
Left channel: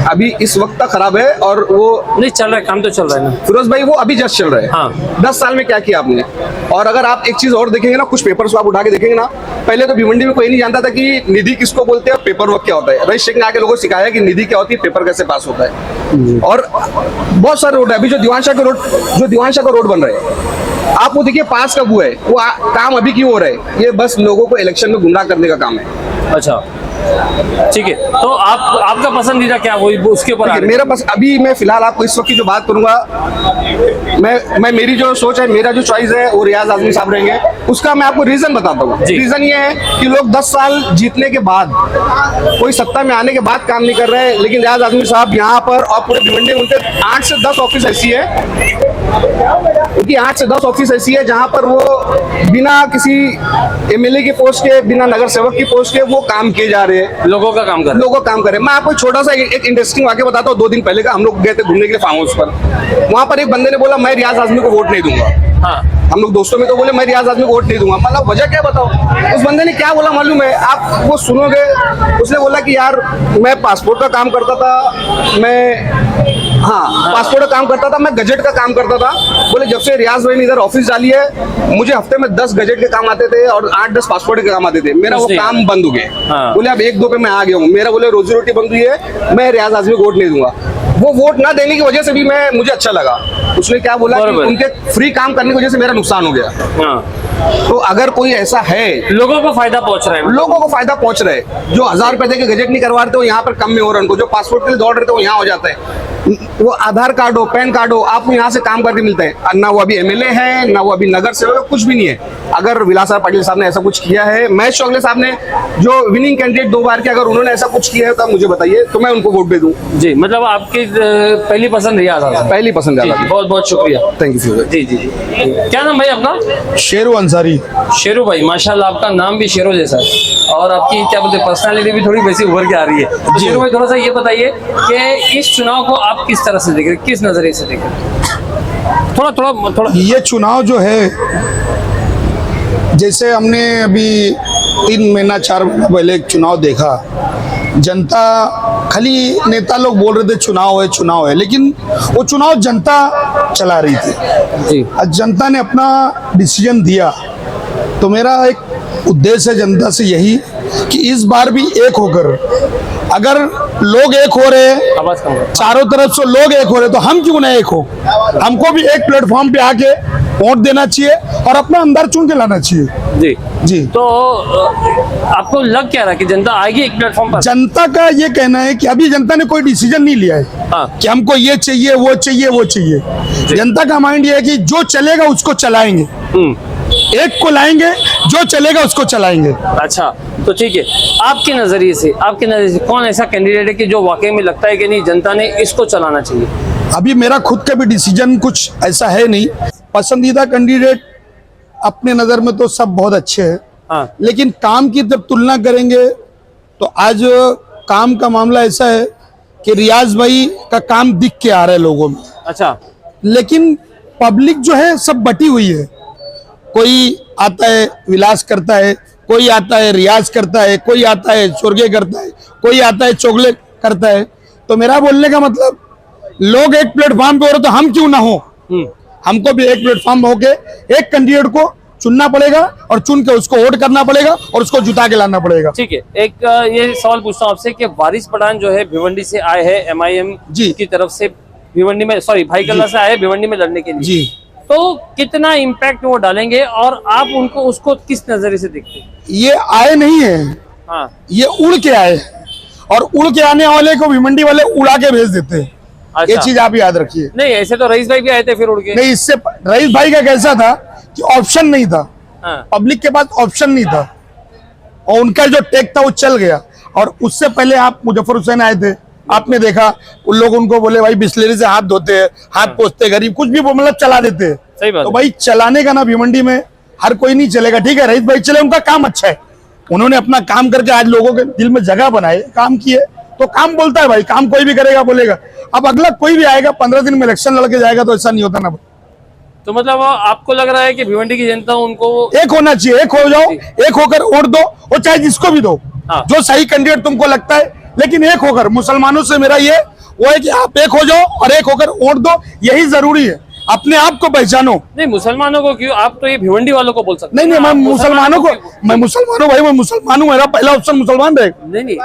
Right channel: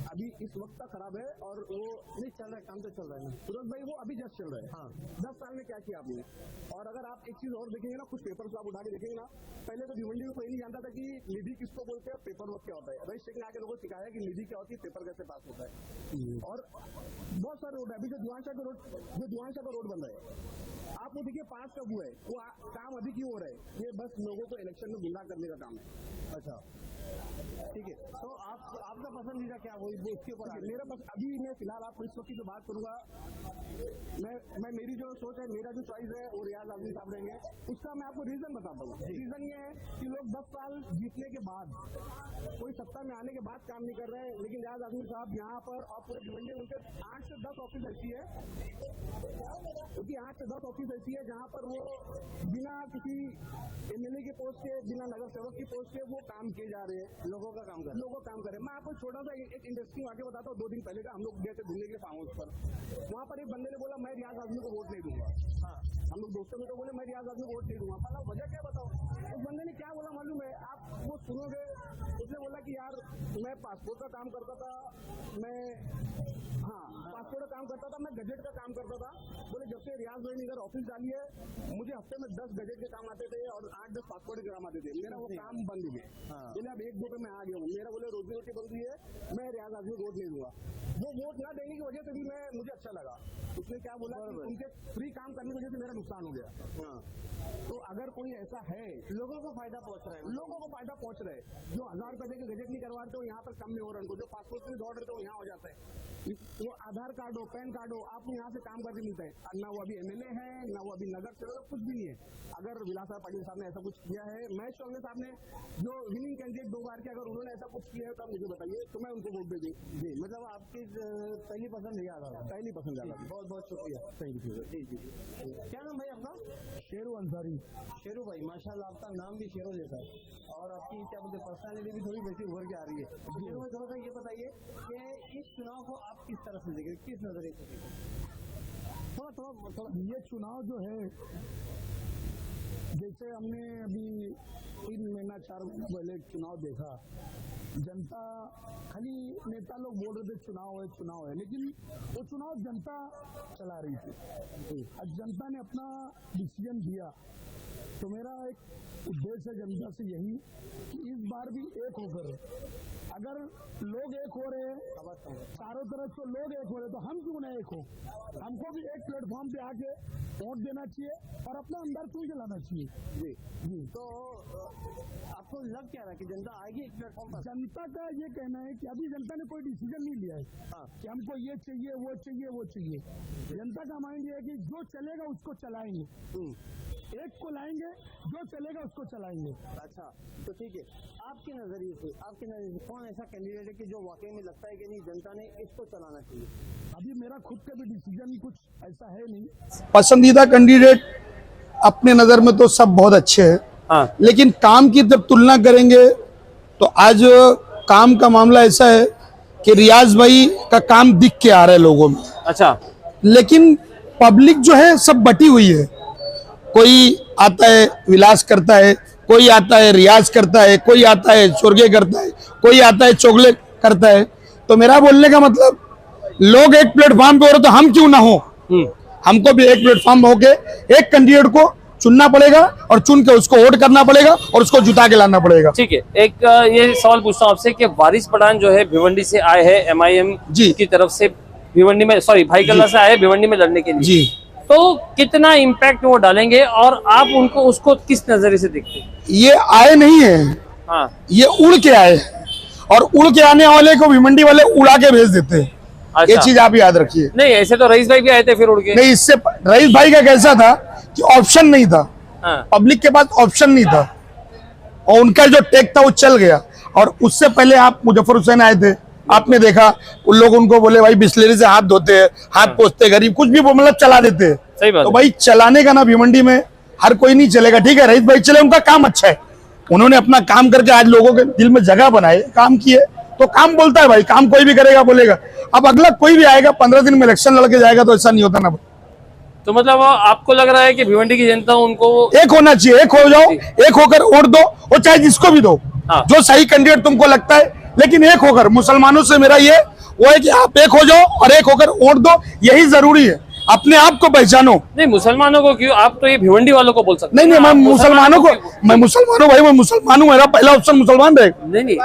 अभी इस वक्त तक खराब है, और वो नहीं चल रहा है, काम तो चल रहा है ना फिरोज भाई, वो अभी जस्ट चल रहा है। हाँ। 10 साल में क्या किया आपने। और अगर आप एक चीज और देखेंगे ना, कुछ पेपर्स आप उठा के देखेंगे ना, पहले तो भिवंडी में कोई नहीं जानता था कि निधि किसको बोलते हैं और पेपर वर्क क्या होता है। रईस शेख ने आके लोगों को सिखाया कि निधि क्या होती है, पेपर कैसे पास होता है। और बहुत सारे रोड है, अभी जो दीवान शाह का रोड बन रहा है, आप वो देखिए पास कब हुआ है, वो काम अभी क्यों हो रहा है, ये बस लोगों को इलेक्शन में गुमराह करने का काम है। अच्छा ठीक है, तो आपका पसंदीदा क्या वही उसके ऊपर देखिए, मेरा बस अभी मैं फिलहाल आपको इस वक्त की जो बात करूंगा, मैं मेरी जो सोच है, मेरा जो चॉइस है वो रियाज आजमी साहब रहेंगे। उसका मैं आपको रीजन बताता हूँ। रीजन ये है कि लोग 10 साल जीतने के बाद, कोई सत्ता में आने के बाद काम नहीं कर रहे हैं, लेकिन रियाज आजमी साहब यहाँ पर और पूरे भिवंडी उनके 8 से 10 ऑफिस ऐसी है, उनकी 8 से 10 ऑफिस ऐसी है जहाँ पर वो बिना किसी एमएलए की पोस्ट के, बिना नगर सेवक की पोस्ट के वो काम किए जा रहे हैं, लोगों का काम कर रहे हैं। मैं आपको छोटा सा एक इंटरेस्टिंग वाक्य बताता हूँ। 2 दिन पहले का, हम लोग गए थे घूमने के लिए फार्म हाउस पर, वहां पर एक बंदे ने बोला मैं रियाज आजमी को वोट नहीं दूंगा। हाँ। हम लोग दोस्तों में तो बोले मैं रियाज आजमी को वोट नहीं दूंगा, मतलब वजह क्या बताओ। उस बंदे ने क्या बोला मालूम है, आप वो सुनोगे। उसने बोला कि यार मैं पासपोर्ट का काम करता था, पासपोर्ट का काम करता था, मैं गजट का काम करता था। बोले जब से रियाज भाई ने इधर ऑफिस डाली है, मुझे हफ्ते में 10 गजट के काम आते थे और 8-10 पासपोर्ट के काम आते थे, मेरा वो काम बंद हो गया। हाँ। बोले अब 1-2 पे मैं आ गया हूँ, मेरा बोले रोजी रोटी बंद हुई है, मैं रियाज आजमी को वोट नहीं दूंगा। वो वोट ना देने की वजह से भी मुझे अच्छा लगा। उसने क्या बोला कि उनके फ्री काम करने की वजह से मेरा नुकसान हो गया। हाँ। तो अगर कोई ऐसा है, लोगों को फायदा पहुंच रहा है, लोगों को फायदा पहुंच रहा है। जो 1000 रुपए देके गजट नहीं करवा रहे थे वो यहाँ पर कम में हो रहा है उनको, जो पासपोर्ट के लिए दौड़ रहे थे वो यहाँ हो जाता है। वो आधार कार्ड हो, पैन कार्ड हो, आपको यहाँ से काम करके मिलता है। ना वो अभी एमएलए है, ना वो अभी नगर सेवक, कुछ भी नहीं है। अगर विलास राय पाटिल साहब ने ऐसा कुछ किया है, महेश चौगले साहब ने जो विनिंग कैंडिडेट 2 बार के, अगर उन्होंने ऐसा कुछ किया है तो मुझे बताइए, तो मैं उनको वोट दे दूं। जी, मतलब आपकी पहली पसंद रियाज आजमी। पहली पसंद है। बहुत बहुत शुक्रिया, थैंक यू। जी जी जी। क्या नाम भाई अपना? शेरू अंसारी। शेरू भाई, माशाल्लाह आपका नाम भी शेरों जैसा है और आपकी क्या बोलते हैं पर्सनालिटी भी थोड़ी वैसी उभर के आ रही है। तो शेरू भाई थोड़ा सा ये बताइए कि इस चुनाव को आप किस तरह से देख रहे हैं, किस नजरिए से देख रहे हैं? थोड़ा ये चुनाव जो है, जैसे हमने अभी 3 महीना 4 महीना पहले एक चुनाव देखा, जनता खाली नेता लोग बोल रहे थे चुनाव है, लेकिन वो चुनाव जनता चला रही थी। जी आज जनता ने अपना डिसीजन दिया, तो मेरा एक उद्देश्य है जनता से यही कि इस बार भी एक होकर, अगर लोग एक हो रहे हैं, आवाज कम करो। चारों तरफ से लोग एक हो रहे, तो हम क्यों ना एक हो। हमको भी एक प्लेटफॉर्म पे आके वोट देना चाहिए और अपना अंदर चुन के लाना चाहिए। जी जी, तो आपको लग क्या रहा कि जनता आएगी एक प्लेटफॉर्म पर? जनता का ये कहना है कि अभी जनता ने कोई डिसीजन नहीं लिया है हाँ कि हमको ये चाहिए वो चाहिए वो चाहिए। जनता का माइंड ये है कि जो चलेगा उसको चलाएंगे, एक को लाएंगे, जो चलेगा उसको चलाएंगे। अच्छा, तो ठीक है, आपके नजरिए से कौन ऐसा कैंडिडेट है कि जो वाकई में लगता है कि नहीं जनता ने इसको चलाना चाहिए? अभी मेरा खुद का भी डिसीजन कुछ ऐसा है नहीं। पसंदीदा कैंडिडेट अपने नजर में तो सब बहुत अच्छे हैं, हाँ लेकिन काम की जब तुलना करेंगे तो आज काम का मामला ऐसा है कि रियाज भाई का काम दिख के आ रहा है लोगों में, अच्छा लेकिन पब्लिक जो है सब बटी हुई है। कोई आता है विलास करता है, कोई आता है रियाज करता है, कोई आता है चोरगे करता है, कोई आता है चोगले करता है। तो मेरा बोलने का मतलब, लोग एक प्लेटफॉर्म पे हो रहे तो हम क्यों ना हो। हमको भी एक प्लेटफॉर्म होके एक कैंडिडेट को चुनना पड़ेगा और चुन के उसको वोट करना पड़ेगा और उसको जुटा के लाना पड़ेगा। ठीक है, एक ये सवाल पूछता हूँ आपसे कि वारिस पठान जो है भिवंडी से आए हैं MIM जी की तरफ से, भिवंडी में भाई कल्ला से आए भिवंडी में लड़ने के लिए, जी, तो कितना इम्पैक्ट वो डालेंगे और आप उनको उसको किस नजरिए से देखते हैं? ये आए नहीं है, हाँ ये उड़ के आए, और उड़ के आने वाले को भिवंडी वाले उड़ा के भेज देते हैं। ये अच्छा। चीज आप याद रखिए। नहीं, ऐसे तो रईस भाई भी आए थे फिर उड़ के। नहीं, इससे रईस भाई का कैसा था कि ऑप्शन नहीं था, हाँ पब्लिक के पास ऑप्शन नहीं था, और उनका जो टेक था वो चल गया। और उससे पहले आप मुजफ्फर हुसैन आए थे, आपने देखा उन लोग उनको बोले भाई बिस्लेरी से हाथ धोते हैं, हाथ पोंछते हैं, गरीब कुछ भी मतलब चला देते हैं। सही बात तो है। भाई चलाने का ना भिवंडी में हर कोई नहीं चलेगा। ठीक है, रईस भाई चले, उनका काम अच्छा है, उन्होंने अपना काम करके आज लोगों के दिल में जगह बनाए, काम किए, तो काम बोलता है भाई, काम कोई भी करेगा बोलेगा। अब अगला कोई भी आएगा 15 दिन में इलेक्शन लड़के जाएगा तो ऐसा नहीं होता ना। तो मतलब आपको लग रहा है कि भिवंडी की जनता उनको एक होना चाहिए, एक हो जाओ, एक होकर वोट दो, और चाहे जिसको भी दो, हाँ। जो सही कैंडिडेट तुमको लगता है, लेकिन एक होकर। मुसलमानों से मेरा ये वो है कि आप एक हो जाओ और एक होकर वोट दो, यही जरूरी है। अपने आप को पहचानो। नहीं, मुसलमानों को क्यों, आप तो ये भिवंडी वालों को बोल सकते नहीं हैं। नहीं, मैं आप मुसलमानों को, मैं मुसलमान हूँ भाई, मैं मुसलमान हूँ, मेरा पहला ऑप्शन मुसलमान रहेगा। नहीं नहीं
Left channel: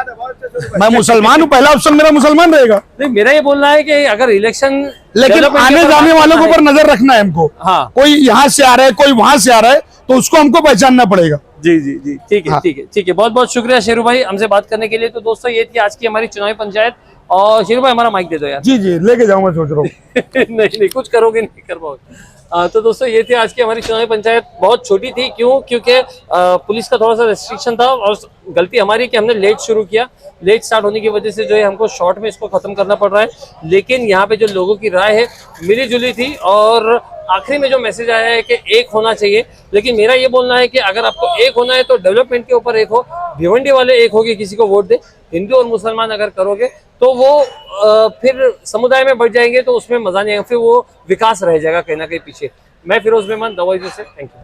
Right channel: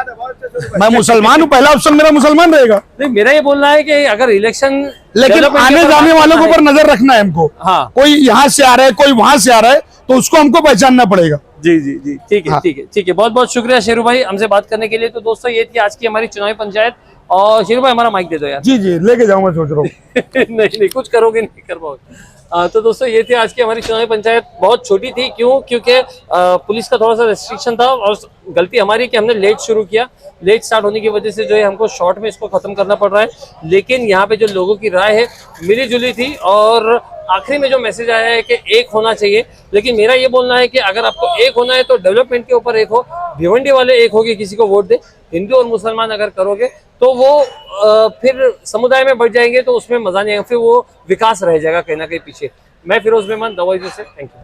मैं मुसलमान हूँ, पहला ऑप्शन मेरा मुसलमान रहेगा। नहीं, मेरा ये बोलना है कि अगर इलेक्शन लेकिन आने जाने वालों के ऊपर नजर रखना है हमको। हाँ। कोई यहाँ से आ रहा है, कोई वहां से आ रहा है, तो उसको हमको पहचानना पड़ेगा। जी जी जी, ठीक है हाँ। ठीक है ठीक है, बहुत बहुत शुक्रिया शेरू भाई हमसे बात करने के लिए। तो दोस्तों ये थी आज की हमारी चुनावी पंचायत, और शेरू भाई हमारा माइक दे दो यार। जी जी, लेके जाऊँ, मैं सोच रहा हूँ। नहीं नहीं, कुछ करोगे नहीं कर पाओगे। तो दोस्तों ये थी आज की हमारी चुनावी पंचायत। बहुत छोटी थी, क्यों? क्योंकि पुलिस का थोड़ा सा रेस्ट्रिक्शन था, और गलती हमारी कि हमने लेट शुरू किया। लेट स्टार्ट होने की वजह से जो है हमको शॉर्ट में इसको खत्म करना पड़ रहा है। लेकिन यहाँ पे जो लोगों की राय है मिली जुली थी, और आखिरी में जो मैसेज आया है कि एक होना चाहिए। लेकिन मेरा ये बोलना है कि अगर आपको एक होना है तो डेवलपमेंट के ऊपर एक हो, भिवंडी वाले एक हो के किसी को वोट दे। हिंदू और मुसलमान अगर करोगे तो वो फिर समुदाय में बढ़ जाएंगे, तो उसमें मजा नहीं आएगा, फिर वो विकास रह जाएगा कहीं ना कहीं पीछे। मैं फिरोज मेहमान, दवाई से, थैंक यू।